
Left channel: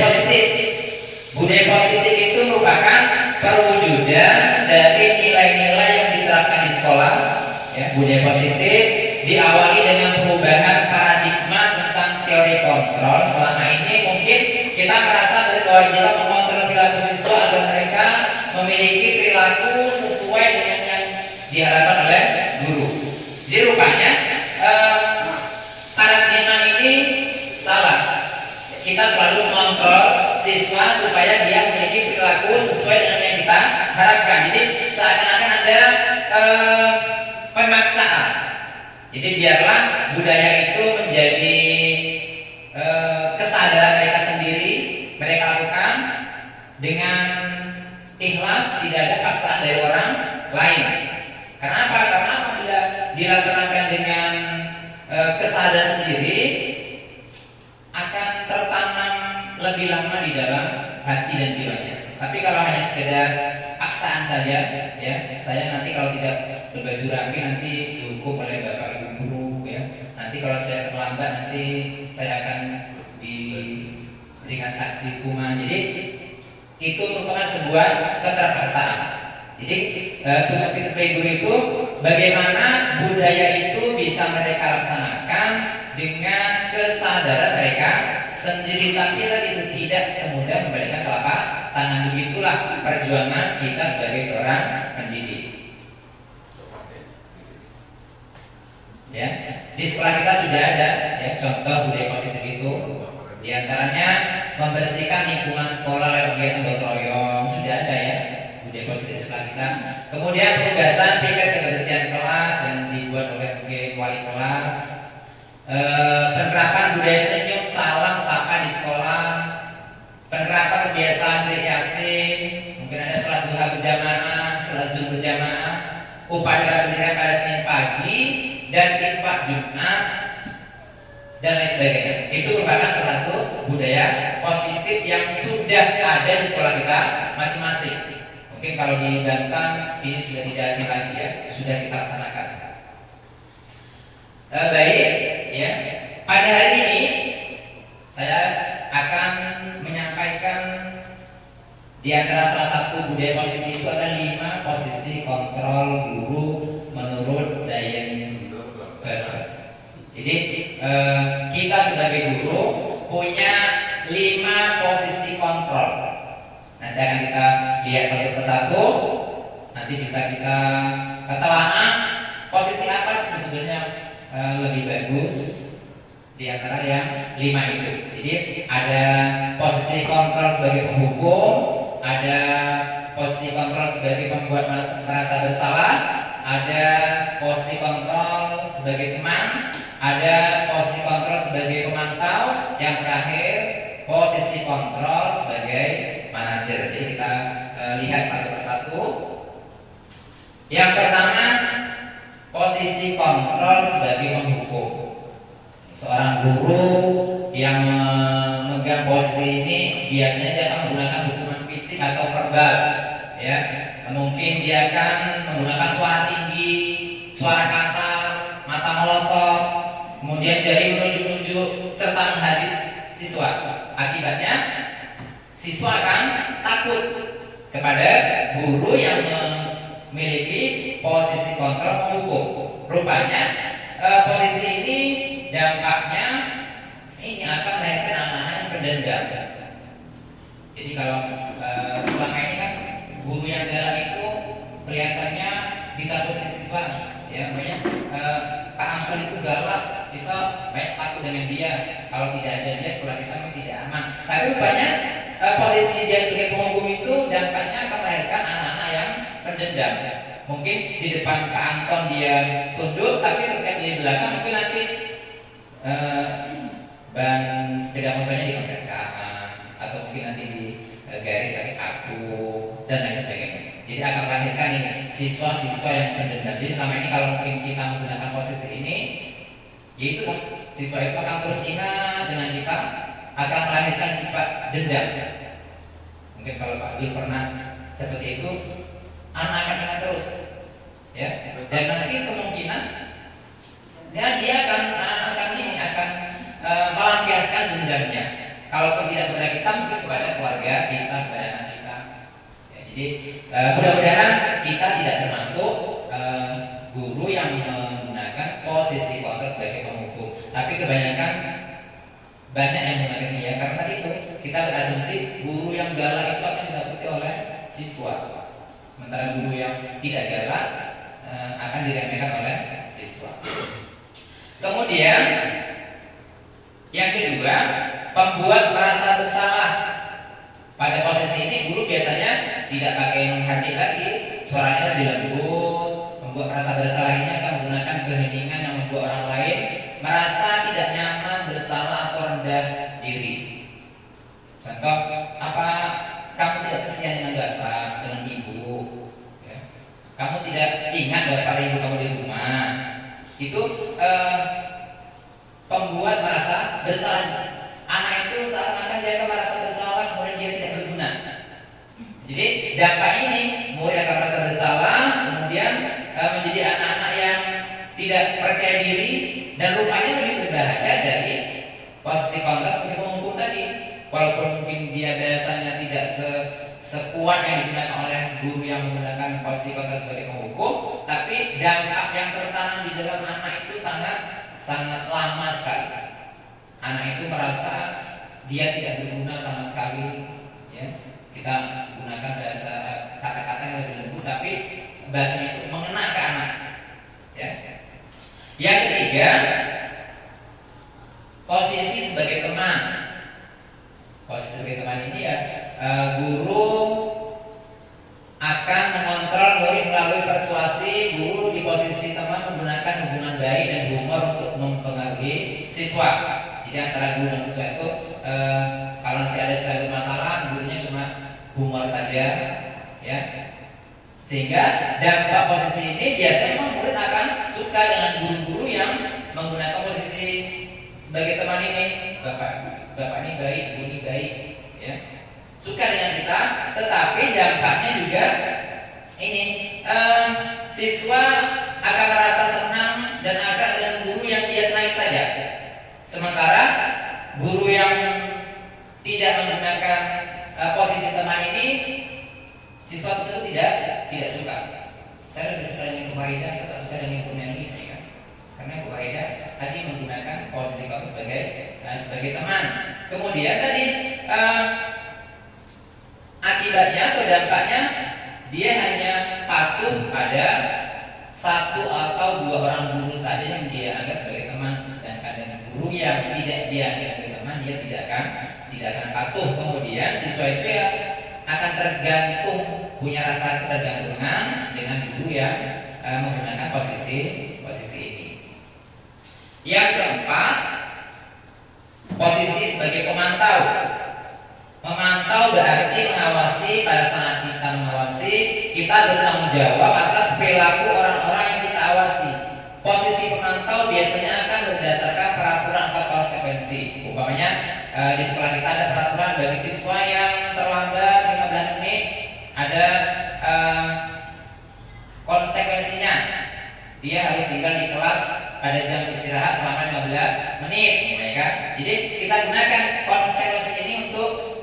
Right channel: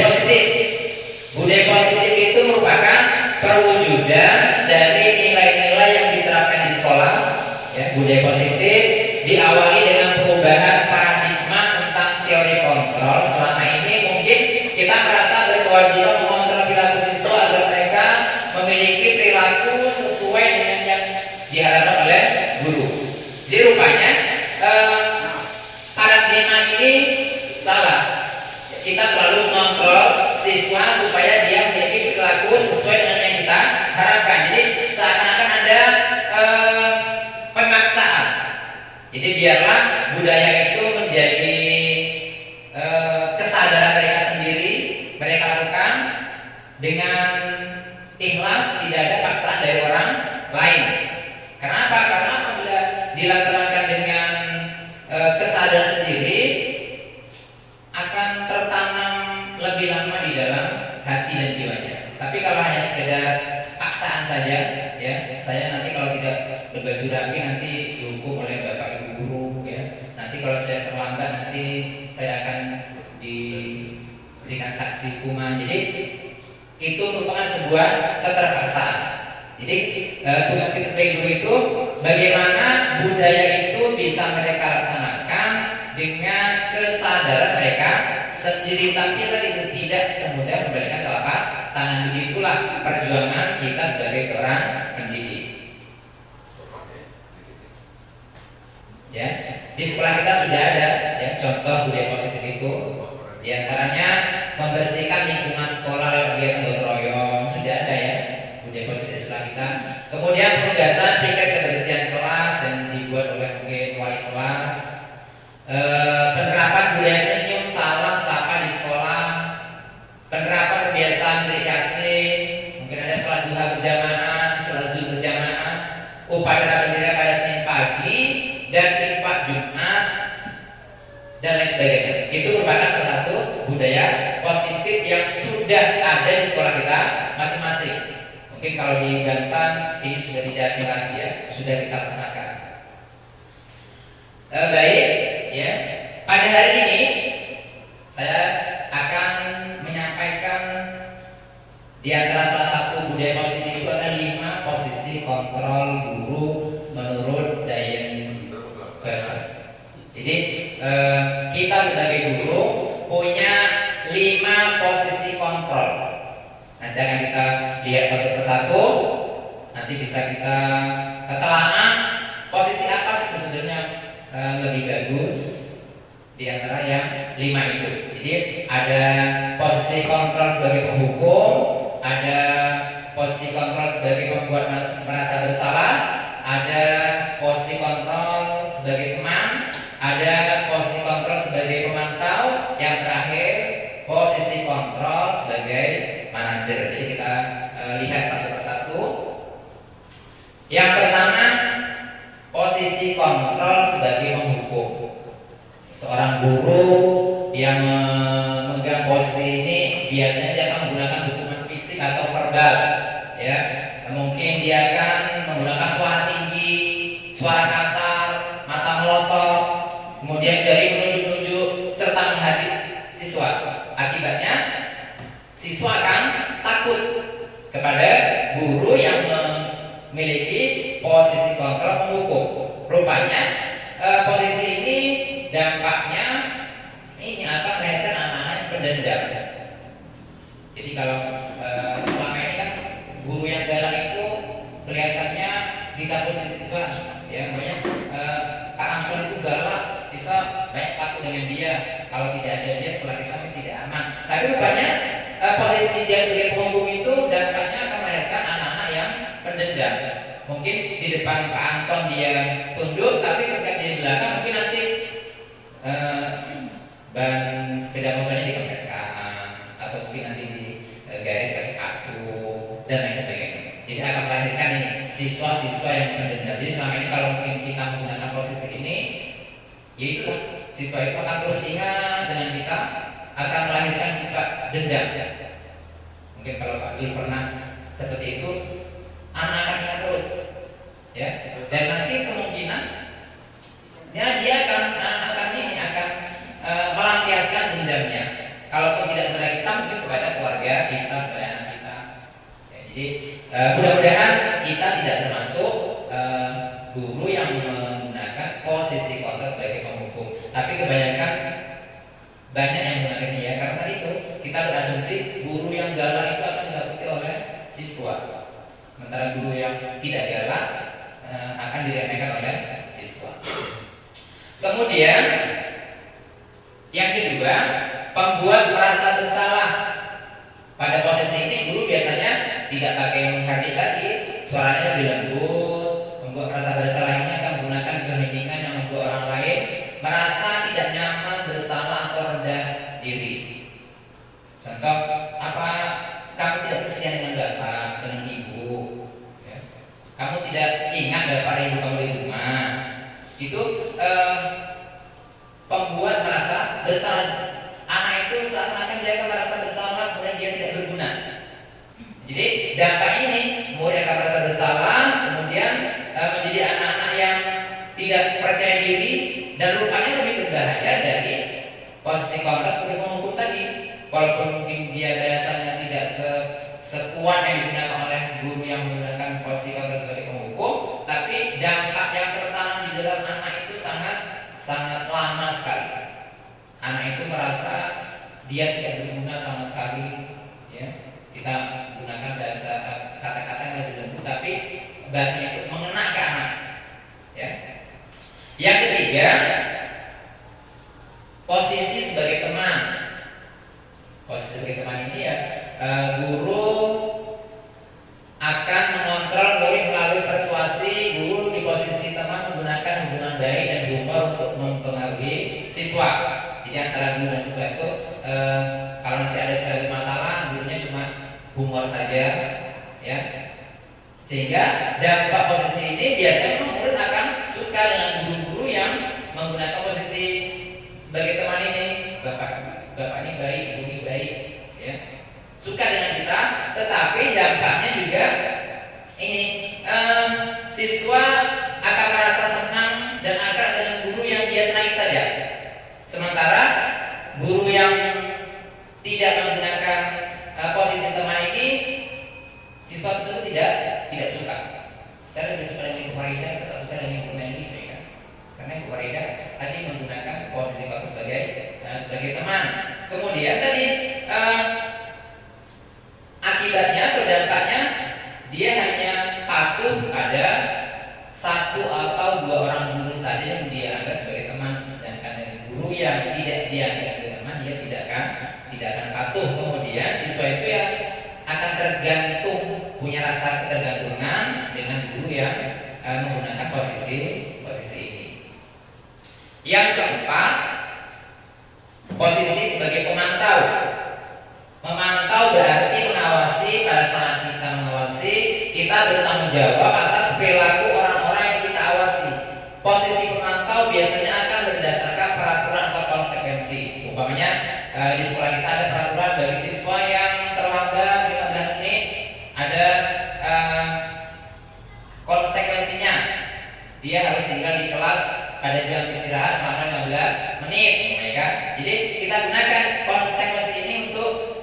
positif itu merupakan perwujudan dari nilai-nilai yang diterapkan di sekolah. Ya, budaya positif diawali dengan perubahan paradigma tentang teori kontrol. Selama ini mungkin kita merasa berkewajiban mengontrol perilaku siswa agar mereka memiliki perilaku sesuai dengan yang diharapkan oleh guru. Jadi rupanya paradigma ini salah. Kita selalu mengontrol siswa supaya dia memiliki perilaku sesuai dengan yang kita harapkan. Jadi seakan-akan ada pemaksaan. Jadi biarlah budaya itu menjadi kesadaran mereka sendiri, mereka lakukan dengan ikhlas, tidak ada paksaan dari orang lain. Kenapa? Karena apabila dilaksanakan dengan kesadaran sendiri akan tertanam lebih lama di dalam hati dan jiwanya. Tapi kalau hanya sekedar paksaan saja, ya, saya nanti kalau tidak berbaju rapi nanti dihukum oleh bapak ibu guru, ya. Nanti kalau saya terlambat nanti saya akan diberikan saksi hukuman. Jadi itu merupakan sebuah keterpaksaan. Jadi tugas kita sebagai guru itu bagaimana budaya itu bisa mereka laksanakan dengan kesadaran mereka sendiri, tapi lagi tidak semudah memberikan telapak tangan. Begitulah perjuangan kita sebagai seorang pendidik. Ya, di sekolah kita sudah ada, ya, contoh budaya positif itu. Di antaranya membersihkan lingkungan sekolah lewat kegiatan gotong royong, sudah ada, ya, budaya positif di sekolah kita. Kemudian penugasan piket kebersihan kelas yang dibuat oleh wali kelas. Penerapan budaya senyum, salam, sapa di sekolah. Penerapan kebiasaan rekreasi, mungkin ada sholat duha berjamaah, sholat zuhur berjamaah, upacara bendera pada Senin pagi dan infak Jumat dan lain sebagainya. Itu merupakan salah satu budaya positif yang sudah ada di sekolah kita masing-masing. Mungkin kalau di Banten ini sudah tidak asing lagi, ya, sudah kita laksanakan. Baik, ya. Pada hari ini saya akan menyampaikan di antara salah satu budaya positif itu ada 5 posisi kontrol guru menurut Diane Besser. Jadi kita sebagai guru punya 5 posisi kontrol. Nanti akan kita lihat satu persatu. Nanti bisa kita telaah posisi apa sih sebetulnya lebih bagus di antara yang 5 itu. Jadi ada posisi kontrol sebagai penghukum, ada posisi kontrol sebagai membuat merasa bersalah, ada posisi kontrol sebagai teman, ada posisi kontrol guru yang memegang posisi ini biasanya dia akan menggunakan dukungan fisik atau verbal, ya. Mungkin dia akan menggunakan suara tinggi, suara kasar, mata melotot, kemudian jari menunjuk-nunjuk serta menghadap siswa. Akibatnya siswa akan takut kepada guru yang memiliki posisi kontrol menghukum. Rupanya posisi ini dampaknya ini akan melahirkan anak-anak yang pendendam. Jadi kalau selama ini kan guru yang galak itu kelihatannya ditakuti siswa, ya, banyak Pak Ansel itu galak, siswa banyak takut dengan dia. Kalau tidak ada dia, sekolah kita pasti tidak aman. Tapi rupanya posisi dia sebagai penghukum itu dampaknya akan melahirkan anak-anak yang pendendam. Mungkin di depan Pak Anton dia tunduk, tapi ketika di belakang mungkin nanti ban sepeda motornya dikempes ke kanan, atau mungkin nanti di garis pakai kartu dan lain sebagainya. Jadi akan melahirkan ini siswa-siswa yang pendendam. Jadi selama ini kalau mungkin kita menggunakan posisi ini, yaitu siswa itu akan terus ingat dengan kita, akan melahirkan sifat dendam. Mungkin kalau Pak Gil pernah seperti itu, anak akan ingat terus, ya. Dan nanti kemungkinan dia akan melampiaskan dendamnya. Kalaupun tidak kepada kita, mungkin kepada keluarga kita, kepada anak kita. Ya, jadi mudah-mudahan kita tidak termasuk guru yang menggunakan posisi kontrol sebagai penghukum. Tapi kebanyakan banyak yang menggunakan dia, karena tadi itu kita berasumsi guru yang galak itu akan ditakuti oleh siswa, sementara guru yang tidak galak akan diremehkan oleh siswa. Kemudian yang kedua, pembuat merasa bersalah. Pada posisi ini guru biasanya tidak pakai yang hati lagi, suaranya lebih lembut. Membuat merasa bersalah ini akan menggunakan keheningan yang membuat orang lain merasa tidak nyaman, bersalah atau rendah diri. Contoh, apa kamu tidak kesian dengan bapak, dengan ibu, ya? Kamu tidak ingat bapak dan ibu kamu di rumah. Itu pembuat merasa bersalah. Anak itu seakan-akan dia akan merasa bersalah, kemudian dia tidak berguna. Jadi dampak ini murid akan merasa bersalah, kemudian menjadi anak-anak yang tidak percaya diri, dan rupanya lebih berbahaya dari posisi kontrol seperti penghukum tadi. Walaupun mungkin dia biasanya tidak sekuat yang digunakan oleh guru yang menggunakan posisi kontrol sebagai penghukum, tapi dampak yang tertanam di dalam anak itu sangat lama sekali. Anak itu merasa dia tidak berguna sama sekali, ya. Kita gunakan bahasa kata-kata yang lebih lembut, tapi bahasa itu mengena ke anak, ya. Yang ketiga, posisi sebagai teman. Posisi sebagai teman ini ya, guru akan mengontrol murid melalui persuasi. Guru di posisi teman menggunakan hubungan baik dan humor untuk mempengaruhi siswa. Jadi antara guru dan siswa itu kalau nanti ada sesuatu masalah, gurunya cuma humor saja, ya. Sehingga dampak posisi ini biasanya murid akan suka dengan guru-guru yang menggunakan posisi sebagai teman ini. Bapak ini baik, guru ini baik, ya. Suka dengan kita, tetapi dampaknya juga ini siswa akan merasa senang dan akrab dengan guru yang dia senangi saja. Sementara guru yang tidak menggunakan posisi teman ini, siswa itu tidak suka. Saya lebih suka dengan Ibu Maida, saya tak suka dengan Ibu Nani, ya. Karena Ibu Maida tadi menggunakan posisi itu sebagai teman. Kemudian tadi akibatnya atau dampaknya dia hanya patuh pada satu atau dua orang guru saja yang dia anggap sebagai teman, sedangkan dengan guru yang tidak dia anggap sebagai teman dia tidak akan patuh. Kemudian siswa itu ya akan tergantung, punya rasa ketergantungan dengan guru yang menggunakan posisi ini. Yang keempat, posisi sebagai pemantau. Memantau berarti mengawasi. Pada saat kita mengawasi, kita bertanggung jawab atas perilaku orang-orang yang kita awasi. Posisi pemantau biasanya akan berdasarkan peraturan atau konsekuensi Umpamanya di sekolah kita ada peraturan bagi siswa yang terlambat 15 menit ada konsekuensinya. Dia harus tinggal di kelas pada jam istirahat selama 15 menit, kan? Jadi kita gunakan konsekuensi ini untuk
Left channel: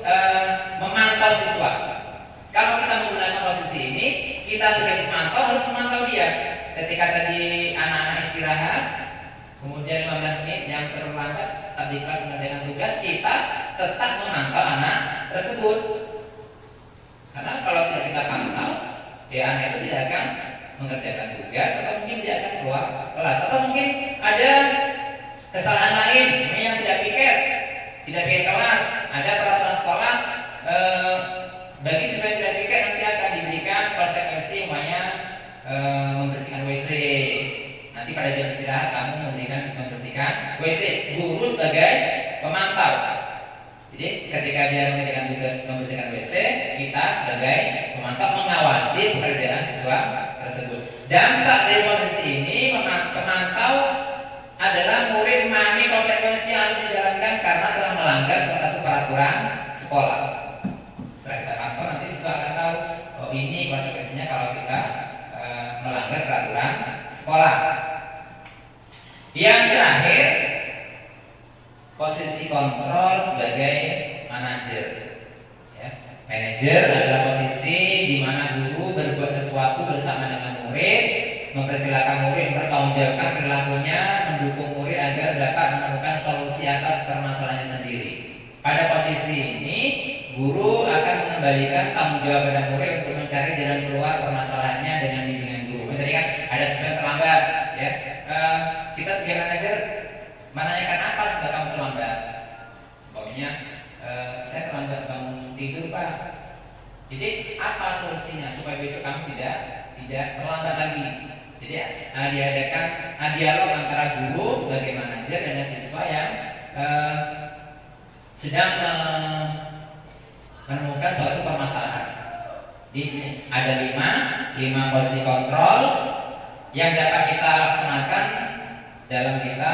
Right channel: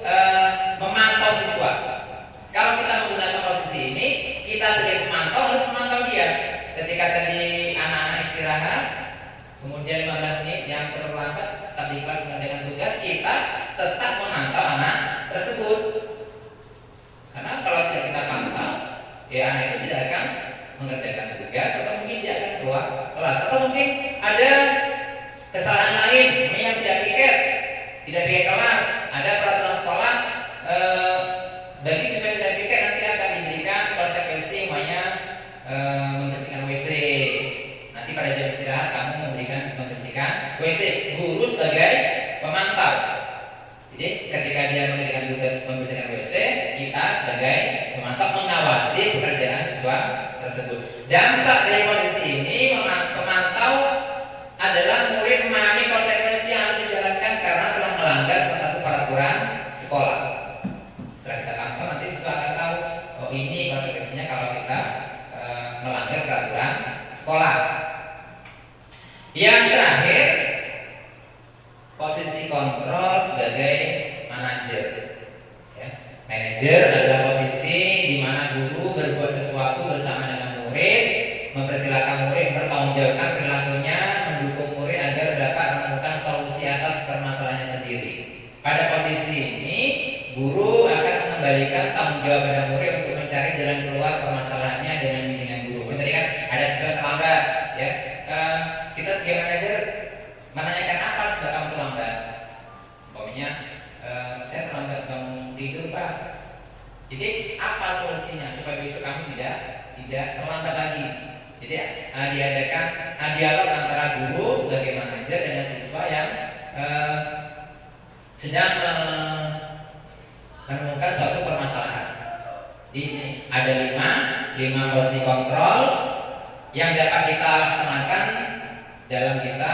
memantau siswa. Kalau kita menggunakan posisi ini, kita sebagai pemantau harus memantau dia. Ketika tadi anak-anak istirahat, kemudian 15 menit yang terlambat tadi kelas mengerjakan tugas, kita tetap memantau anak tersebut. Karena kalau tidak kita pantau, ya anak itu tidak akan mengerjakan tugas atau mungkin tidak akan keluar kelas, atau mungkin ada kesalahan lain yang tidak piket kelas. Ada peraturan sekolah bagi siswa yang tidak piket nanti akan diberikan konsekuensi namanya membersihkan WC. Nanti pada jam istirahat kamu membersihkan WC. Guru sebagai pemantau. Jadi ketika dia mengerjakan tugas membersihkan WC, kita sebagai pemantau mengawasi pekerjaan siswa tersebut. Dampak dari posisi ini, pemantau adalah murid memahami konsekuensi yang harus dijalankan karena telah melanggar salah satu peraturan sekolah. Setelah kita pantau, nanti siswa akan tahu, oh ini konsekuensinya kalau kita melanggar peraturan sekolah. Yang terakhir, posisi kontrol sebagai manajer. Ya. Manajer adalah posisi di mana guru berbuat sesuatu bersama dengan murid, mempersilahkan murid mempertanggungjawabkan perilakunya, mendukung murid agar dapat menemukan solusi atas permasalahannya sendiri. Pada posisi ini, guru akan mengembalikan tanggung jawab pada murid untuk mencari jalan keluar permasalahannya dengan bimbingan guru. Tadi kan ada siswa terlambat, ya. Kita sebagai manajer menanyakan apa sebab kamu terlambat. Umpamanya saya terlambat bangun tidur Pak. Jadi apa solusinya supaya besok kamu tidak terlambat lagi. Jadi diadakan dialog antara guru sebagai manajer dengan siswa yang sedang menemukan suatu permasalahan. Jadi ada 5 posisi kontrol yang dapat kita laksanakan dalam kita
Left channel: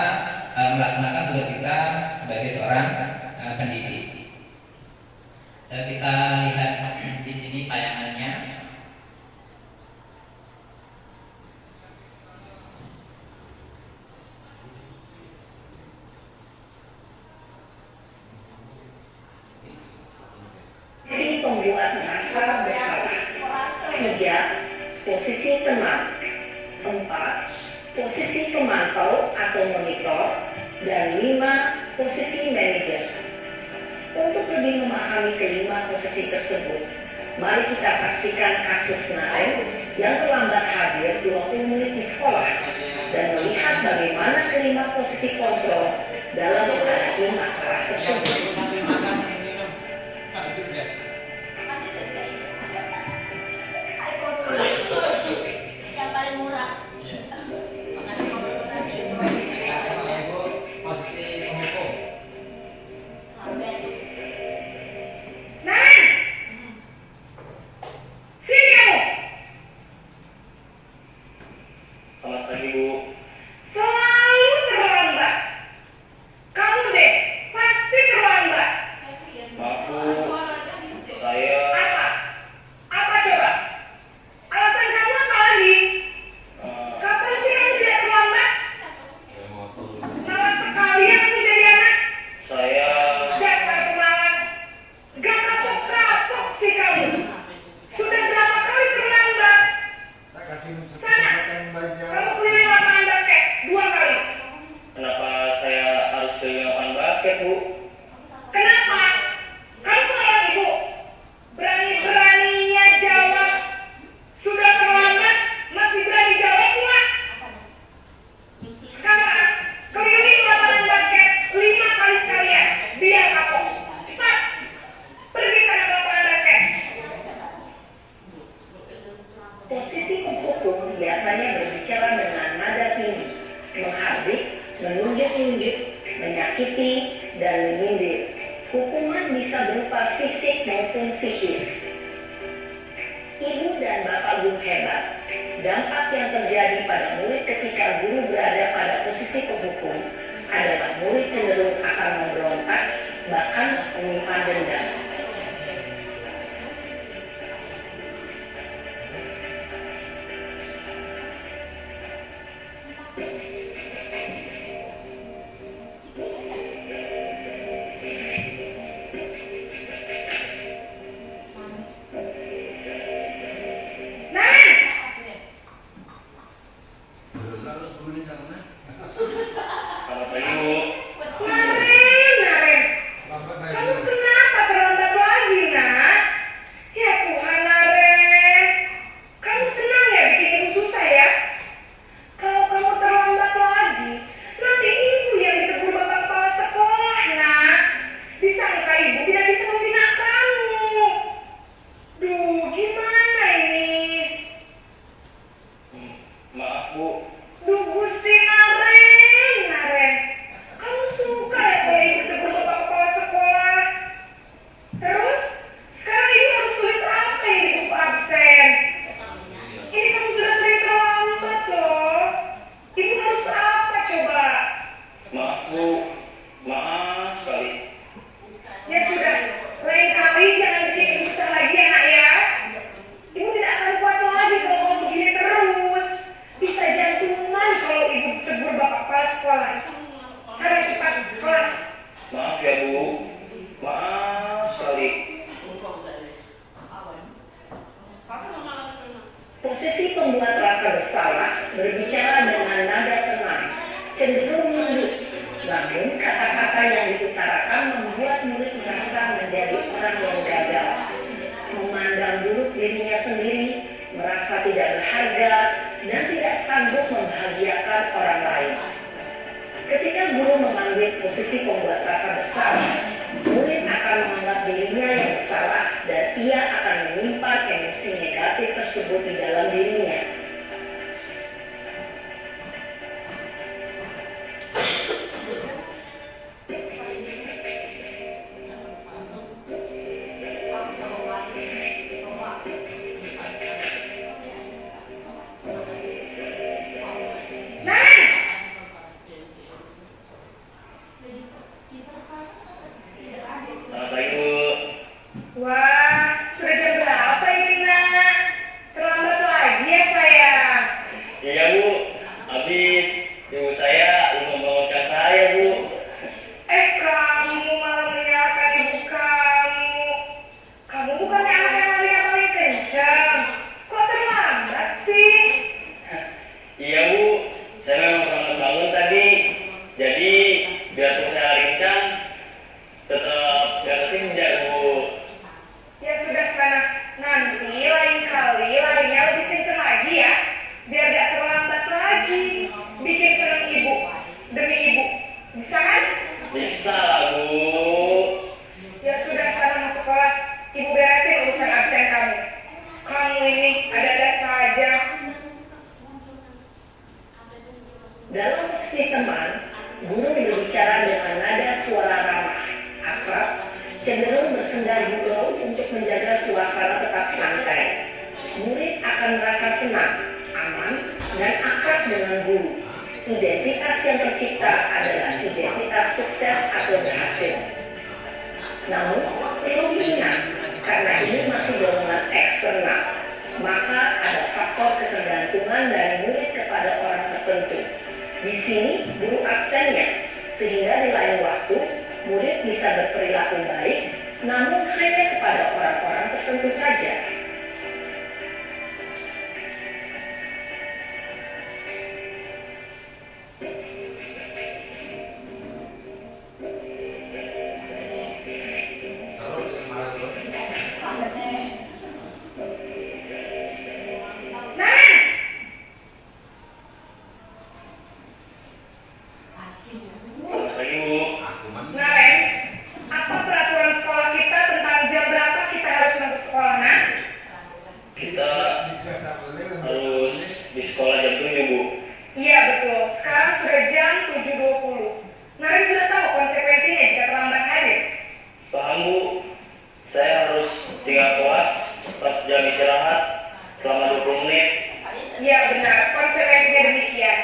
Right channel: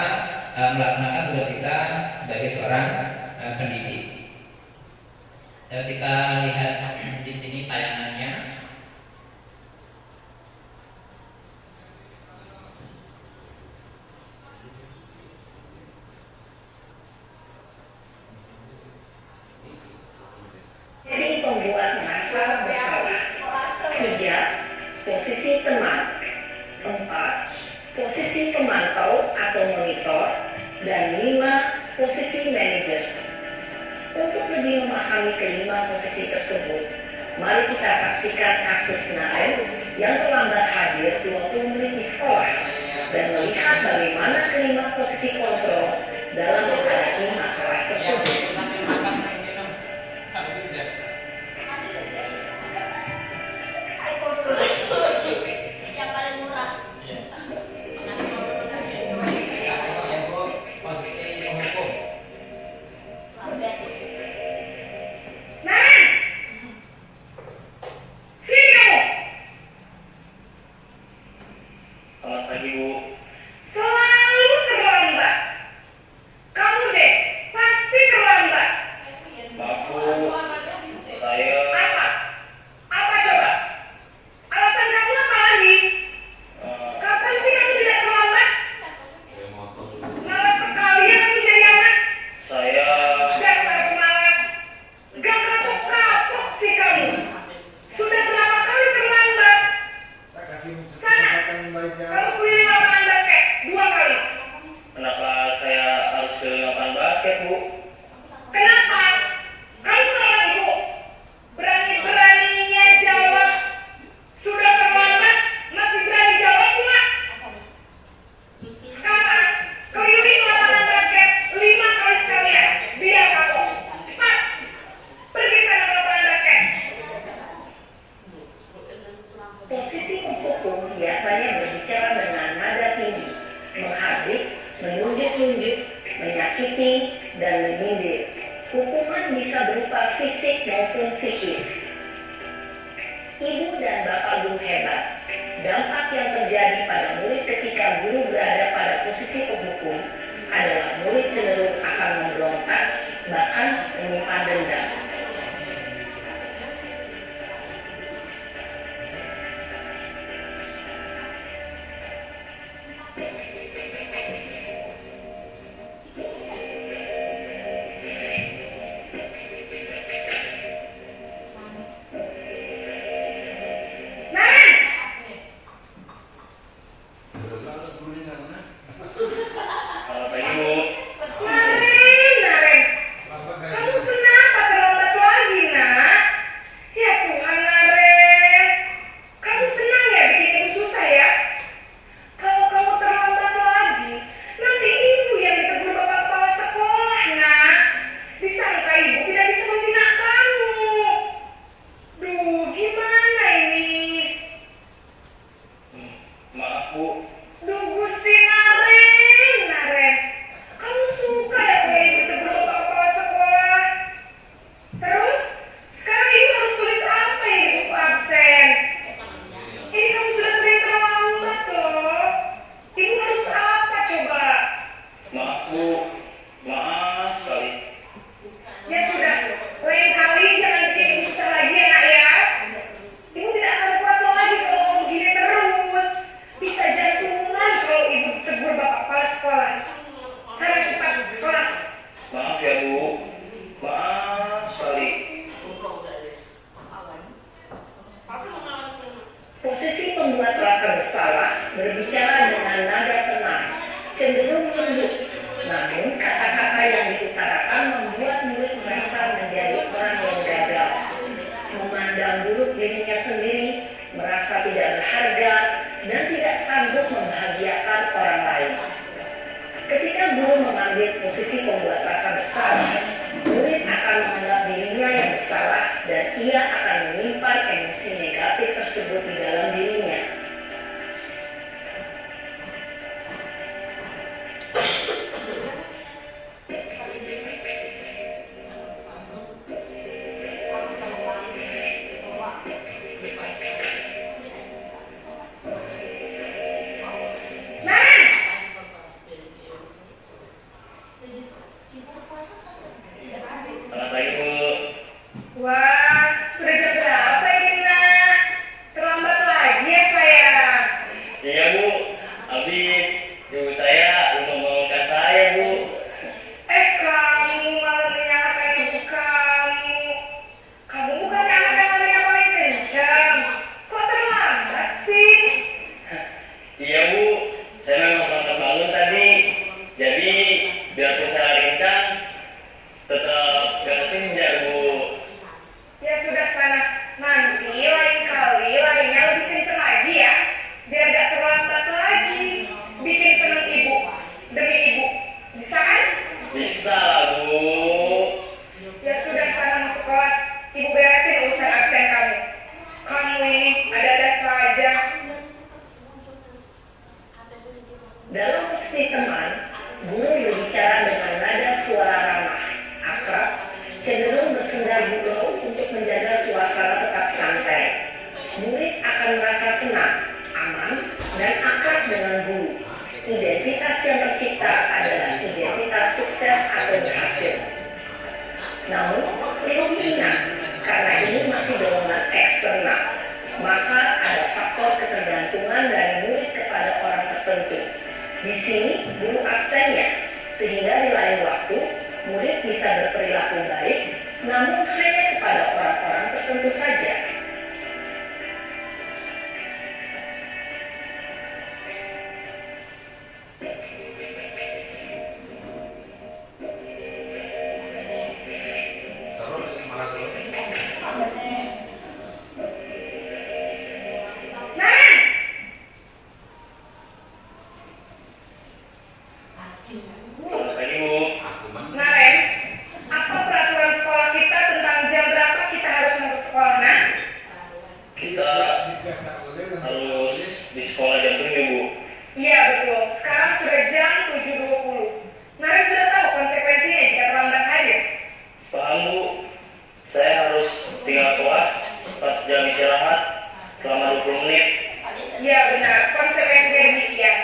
melaksanakan tugas kita sebagai seorang pendidik. Kita lihat di sini tayangannya. Posisi pembuat masalah bersalah. 3. Posisi teman. 4. Posisi pemantau atau monitor. Dan 5. Posisi manajer. Untuk lebih memahami kelima posisi tersebut, mari kita saksikan kasus Nael yang terlambat hadir 20 menit di sekolah dan melihat bagaimana kelima posisi kontrol dalam menghadapi masalah tersebut. Yang paling murah. Selamat pagi, Bu. Selalu terlambat. Kamu deh, pasti terlambat. Maaf, Bu. Saya... Apa? Apa coba? Alasan kamu apa lagi? Kapan sih kamu tidak terlambat? Malas sekali ya kamu jadi anak. Saya... Dasar pemalas. Gak kapok-kapok sih kamu. Sudah berapa kali terlambat? Saya kasih Sana. kesempatan yang baik ya. Kamu keliling lapangan basket 2 kali. Kenapa saya harus keliling lapangan basket, Bu? Kenapa? Kamu orang Ibu. Berani-beraninya jawab. Sudah terlambat, masih berani jawab pula. Sekarang, keliling lapangan basket 5 kali sekalian. Biar kapok. Cepat. Pergi sana ke lapangan basket. Posisi penghukum biasanya berbicara dengan nada tinggi, menghardik, menunjuk-nunjuk, menyakiti, dan menyindir. Hukuman bisa berupa fisik maupun psikis. Ibu dan bapak guru hebat. Dampak yang terjadi pada murid ketika guru berada pada posisi penghukum adalah murid cenderung akan memberontak ya Bu, maaf sekali. Posisi pembuat rasa bersalah berbicara dengan nada tenang, cenderung lembut. Namun kata-kata yang diutarakan membuat murid merasa menjadi orang yang gagal, memandang buruk dirinya sendiri, merasa tidak berharga, dan tidak sanggup membahagiakan orang lain. Ketika guru mengambil posisi pembuat rasa bersalah, murid akan menganggap dirinya yang bersalah dan ia akan menyimpan emosi negatif tersebut di dalam dirinya. Selamat pagi Bu. Wah, sudah jam berapa ini, Nak? Terlambat lagi ya, sayang. Iya Bu, habis ibu saya lupa membangunkan saya Bu. Kamu malah menyalahkan ibu kamu. Kamu bukan anak yang paling kencang. Kok terlambat sih? Iya Bu, saya memang sempat bangun tadi. Jadi biarpun saya lari kencang, tetap gak kesenjak Bu. Ya sudah sana. Nanti lain kali larinya lebih kencang lagi ya. Biar gak terlambat lagi. Bikin senang ibu. Demi ibu. Bisa kan? Bisa lah Bu. Ya sudah sana masuk kelas. Ibu beresin urusan absen kamu. Kamu ini ada-ada saja. Dalam posisi teman, guru berbicara dengan nada suara ramah, akrab, cenderung bersenda gurau untuk menjaga suasana tetap santai. Murid akan merasa senang, aman, dan akrab dengan guru. Identitas yang tercipta adalah identitas sukses atau berhasil. Namun, perlu diingat, karena ini masih dorongan eksternal, maka ada faktor ketergantungan dari murid kepada orang tertentu. Di sini, guru absennya, sehingga di lain waktu, murid bisa berperilaku baik, namun hanya kepada orang-orang tertentu saja. Selamat pagi Bu. Naren, apa peraturan sekolah kita tentang jam berapa kita harus masuk sekolah, Nak? Kita harus di sekolah jam 7 Bu. Iya betul, sekarang sudah jam 7.20. Naren sudah tahu konsekuensinya jika terlambat hadir. Paham Bu, saya harus tinggal kelas pas jam istirahat selama 20 menit. Iya benar, konsekuensinya demikian.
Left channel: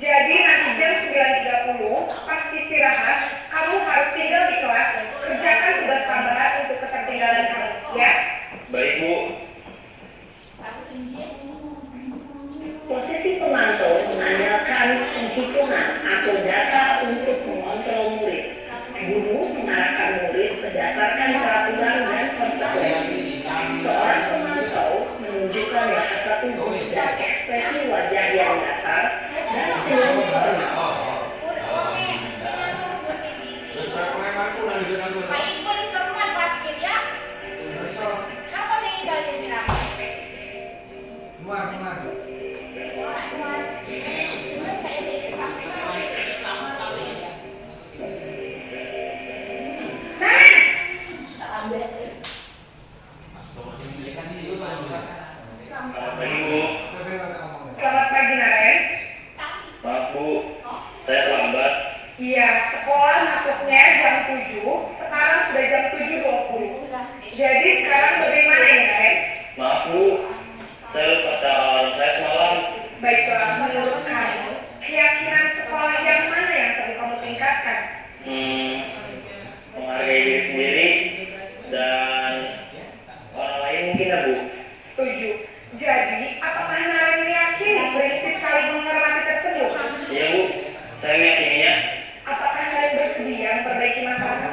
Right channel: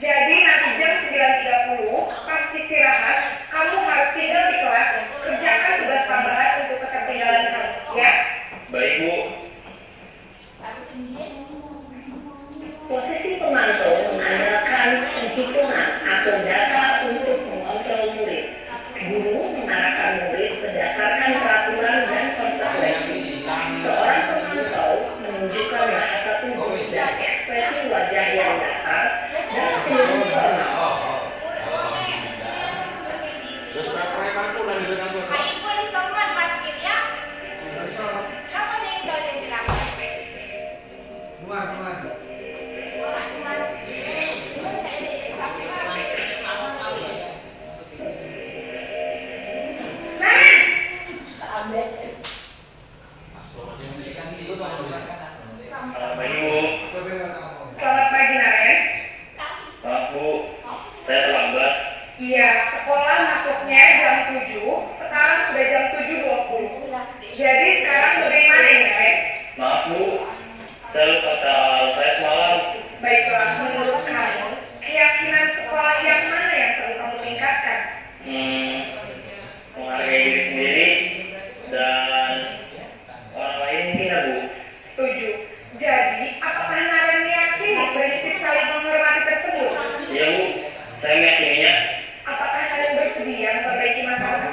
Jadi nanti jam 9.30 pas istirahat, kamu harus tinggal di kelas, kerjakan tugas tambahan untuk ketertinggalan kamu, ya? Baik Bu. Posisi pemantau mengandalkan penghitungan atau data untuk mengontrol murid. Guru mengarahkan murid berdasarkan peraturan dan konsekuensi. Seorang pemantau menunjukkan bahasa tubuh dan ekspresi wajah yang datar dan cenderung formal. Selamat pagi Bu. Selamat pagi, Naren. Maaf Bu, saya terlambat. Iya, sekolah masuknya jam 7, sekarang sudah jam 7.20. Jadi sekarang bagaimana ya, Naren? Maaf Bu, saya lupa salam saya semalam. Baiklah, menurut kamu, keyakinan sekolah yang mana yang perlu kamu tingkatkan? Menghargai diri sendiri dan orang lain mungkin ya Bu. Setuju. Jadi, apakah Naren meyakini prinsip saling menghormati tersebut? Iya Bu, saya meyakininya. Apakah Naren bersedia memperbaiki masalah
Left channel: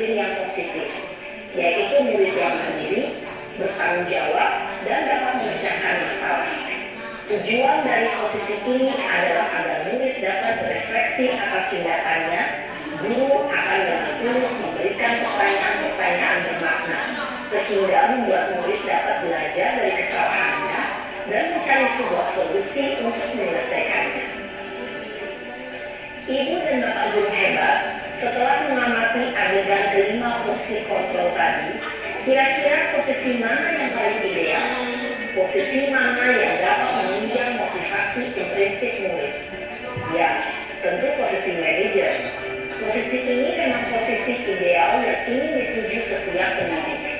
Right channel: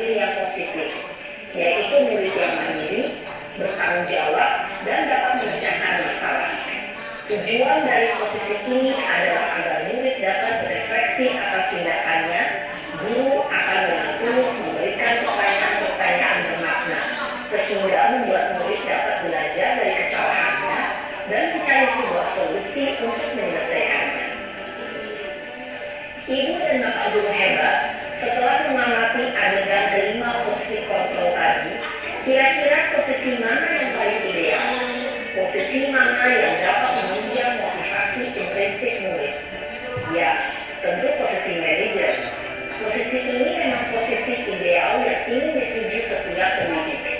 murid yang positif, yaitu murid yang mandiri, bertanggung jawab, dan dapat memecahkan masalah. Tujuan dari posisi ini adalah agar murid dapat berefleksi atas tindakannya. Guru akan lebih tulus memberikan pertanyaan-pertanyaan bermakna, sehingga membuat murid dapat belajar dari kesalahannya dan mencari sebuah solusi untuk menyelesaikannya. Ibu dan Bapak guru hebat, setelah mengamati adegan kelima posisi kontrol tadi, kira-kira posisi mana yang paling ideal? Posisi mana yang dapat menunjang motivasi prinsip murid? Ya, tentu posisi manajer. Posisi ini memang posisi ideal yang ingin dituju setiap pendidik.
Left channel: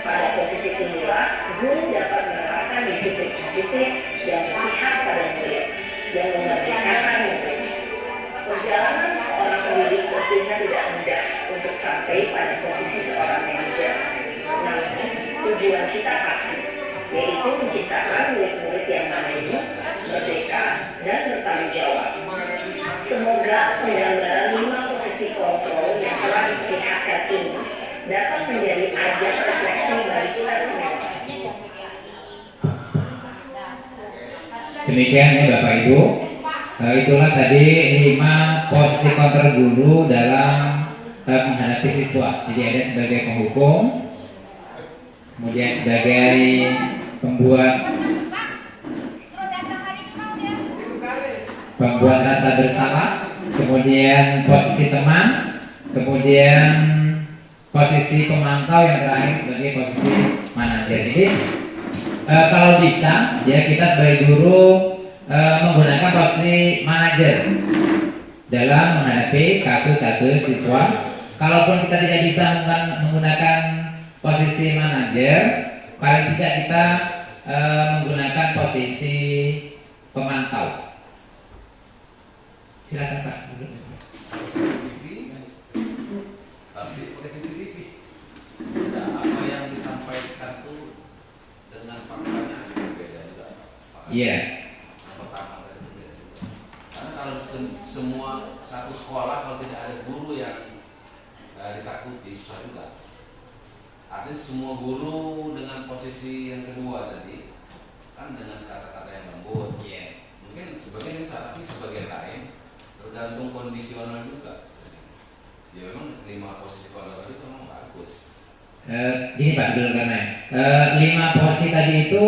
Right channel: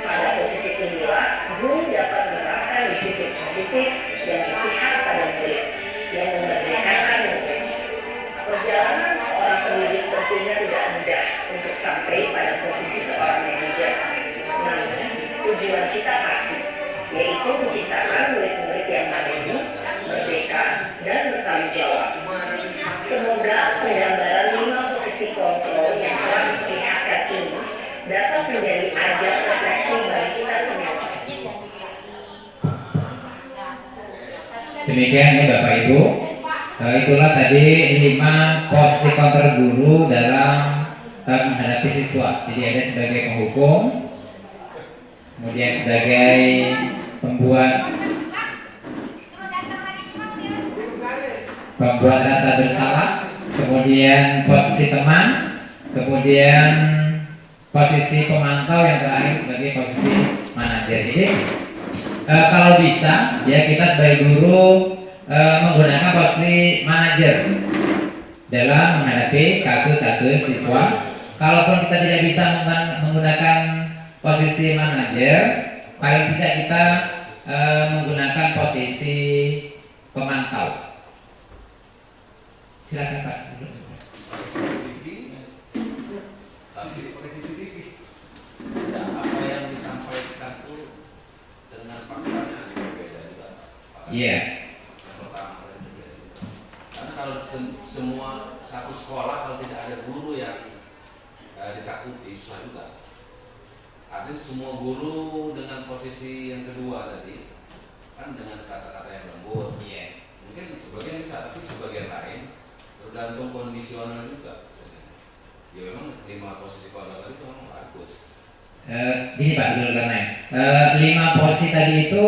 Pada posisi inilah, guru dapat menerapkan disiplin positif dan berpihak pada murid, yang memerdekakan murid. Perjalanan seorang pendidik tentunya tidak mudah untuk sampai pada posisi seorang manajer. Namun, tujuan kita pasti, yaitu menciptakan murid-murid yang mandiri, merdeka, dan bertanggung jawab. Semoga penyelenggaraan 5 posisi kontrol yang telah diperlihatkan ini dapat menjadi ajang refleksi bagi kita semua. Demikian ya Bapak Ibu. Itulah tadi 5 posisi kontrol guru dalam menghadapi siswa. Jadi ada sebagai penghukum, kemudian sebagai pembuat rasa bersalah, kemudian posisi teman, kemudian posisi pemantau, yang terakhir sebagai posisi manajer. Jadi kalau bisa ya kita sebagai guru menggunakan posisi manajer dalam menghadapi kasus-kasus siswa. Kalaupun kita tidak bisa menggunakan posisi manajer, paling tidak kita menggunakan posisi pemantau. Silakan Pak. Tapi posisi TV, dan apa yang disampaikan itu dengan faktanya berbeda. Iya. Karena kalau semua satu sekolah kalau tidak ada guru yang ditakuti susah juga. Artinya semua guru dengan posisi yang kedua tadi kan dengan kata-kata yang lembut. Iya. Mungkin sebagian bisa, tapi sebagian lain tergantung kondisional juga. Ya memang 5 posisi kontrol tadi memang bagus. Gini Pak Zulkarnain, 5 posisi tadi itu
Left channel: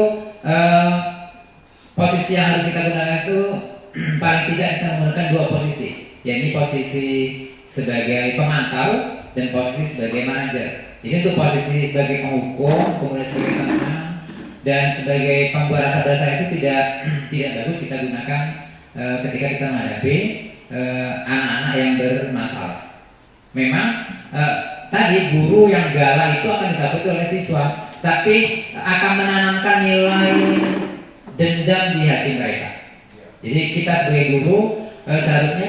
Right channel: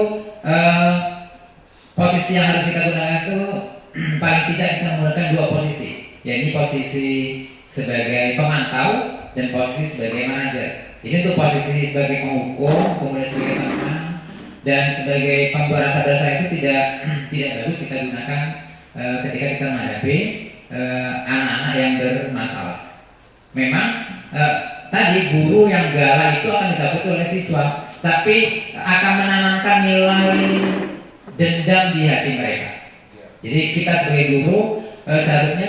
posisi yang harus kita gunakan itu paling tidak kita menggunakan 2 posisi, yaitu posisi sebagai pemantau dan posisi sebagai manajer. Jadi untuk posisi sebagai penghukum, kemudian sebagai teman dan sebagai pembuat rasa bersalah itu tidak bagus kita gunakan ketika kita menghadapi anak-anak yang bermasalah. Memang tadi guru yang galak itu akan ditakuti oleh siswa, tapi akan menanamkan nilai dendam di hati mereka. Jadi kita sebagai guru seharusnya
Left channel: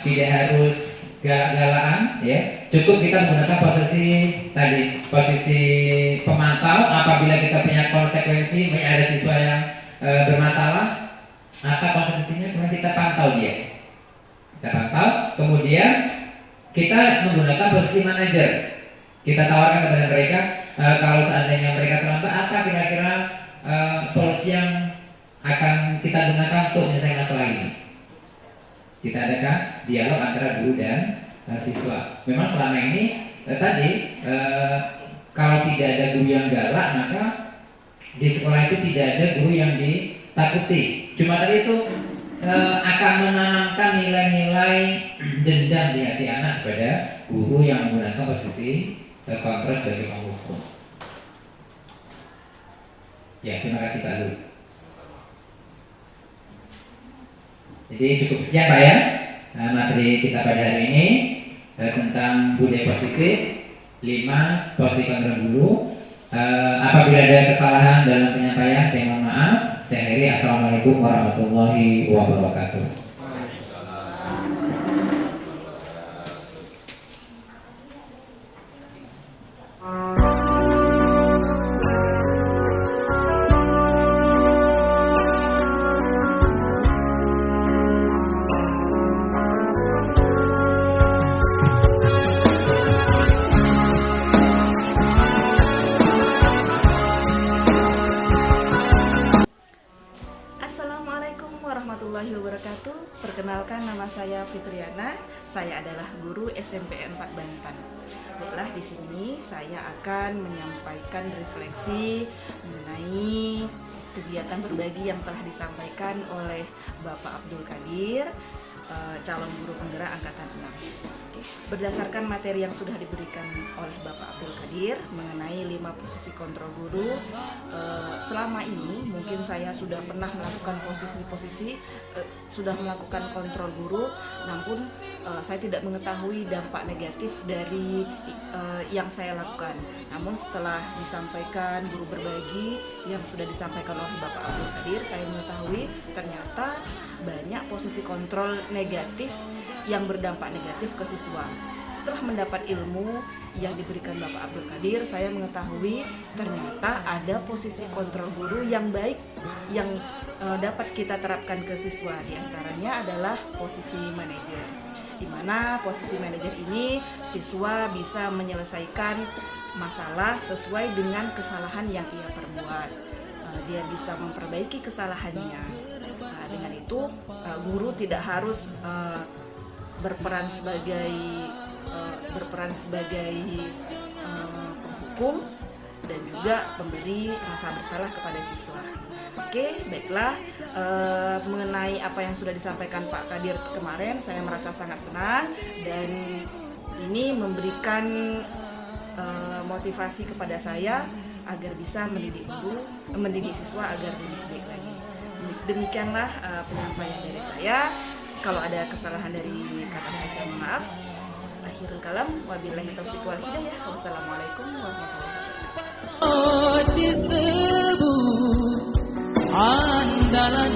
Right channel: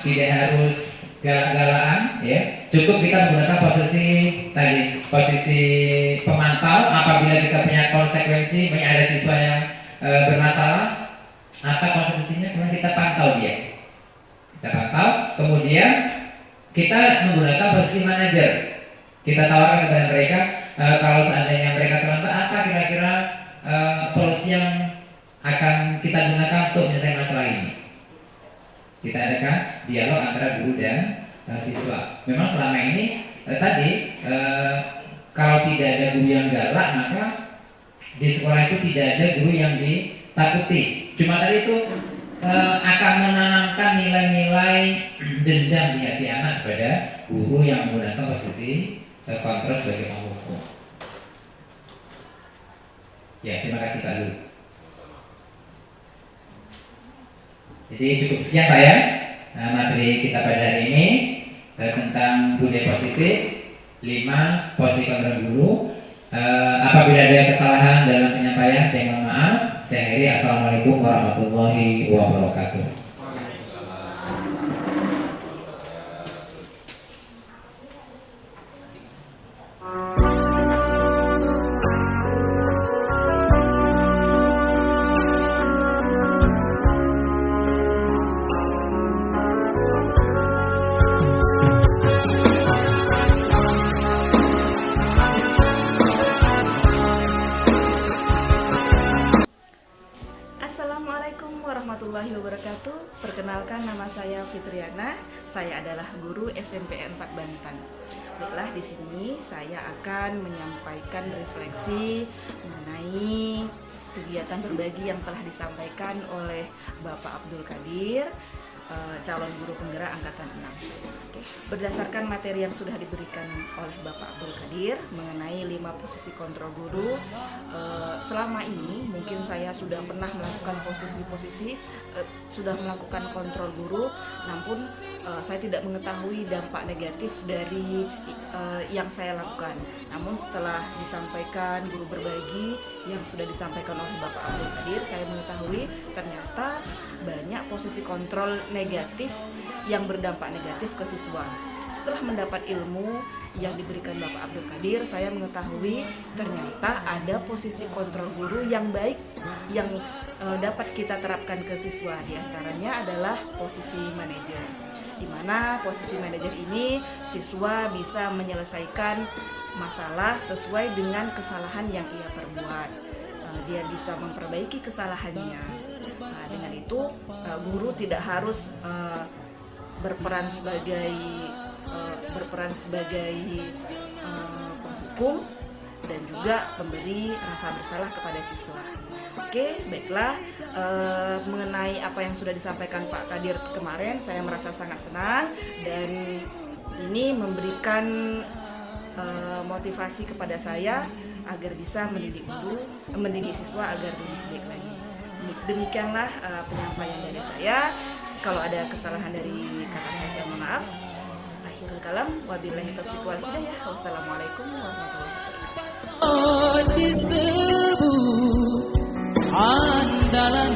tidak harus galak-galakan, ya. Cukup kita menggunakan posisi tadi, posisi pemantau. Apabila kita punya konsekuensi, ada siswa yang bermasalah, maka konsekuensinya kemudian kita pantau dia. Kita pantau, kemudian kita menggunakan posisi manajer. Kita tawarkan kepada mereka, kalau seandainya mereka terlambat, apa kira-kira solusi yang akan kita gunakan untuk menyelesaikan masalah ini. Kita adakan dialog antara guru dan siswa. Memang selama ini tadi kalau tidak ada guru yang galak, maka di sekolah itu tidak ada guru yang ditakuti. Cuma tadi itu akan menanamkan nilai-nilai dendam di hati anak kepada guru yang menggunakan posisi kontrol sebagai penghukum. Ya, terima kasih Pak Zul. Jadi cukup sekian Pak ya materi kita pada hari ini tentang budaya positif, 5 posisi kontrol guru. Apabila ada kesalahan dalam penyampaian, saya mohon maaf. Saya akhiri. Assalamualaikum warahmatullahi wabarakatuh. saya Fitriana. Saya adalah guru SMP 4 Bantan. Baiklah, di sini saya akan menyampaikan refleksi mengenai kegiatan berbagi yang telah disampaikan oleh Bapak Abdul Qadir, calon guru penggerak angkatan 6. Berdasarkan materi yang sudah diberikan oleh Bapak Abdul Qadir mengenai 5 posisi kontrol guru, selama ini mungkin saya sudah pernah melakukan sudah melakukan kontrol guru, namun saya tidak mengetahui dampak negatif dari yang saya lakukan. Namun setelah disampaikan guru berbagi yang sudah disampaikan oleh Bapak Abdul Qadir, saya mengetahui ternyata banyak posisi kontrol negatif yang berdampak negatif ke siswa. Setelah mendapat ilmu yang diberikan Bapak Abdul Qadir, saya mengetahui ternyata ada posisi kontrol guru yang baik yang dapat kita terapkan ke siswa. Di antaranya adalah posisi manajer, di mana posisi manajer ini siswa bisa menyelesaikan masalah sesuai dengan kesalahan yang ia perbuat. Dia bisa memperbaiki kesalahannya. Dengan itu guru tidak harus berperan sebagai penghukum dan juga pemberi rasa bersalah kepada siswa. Oke, baiklah, mengenai apa yang sudah disampaikan Pak Qadir kemarin, saya merasa sangat senang dan ini memberikan motivasi kepada saya agar bisa mendidik siswa agar lebih baik lagi. Demikianlah penyampaian dari saya. Kalau ada kesalahan dari kata saya mohon maaf. Akhirul kalam, wabillahi taufiq wal hidayah. Wassalamualaikum warahmatullahi wabarakatuh. Disebut andalan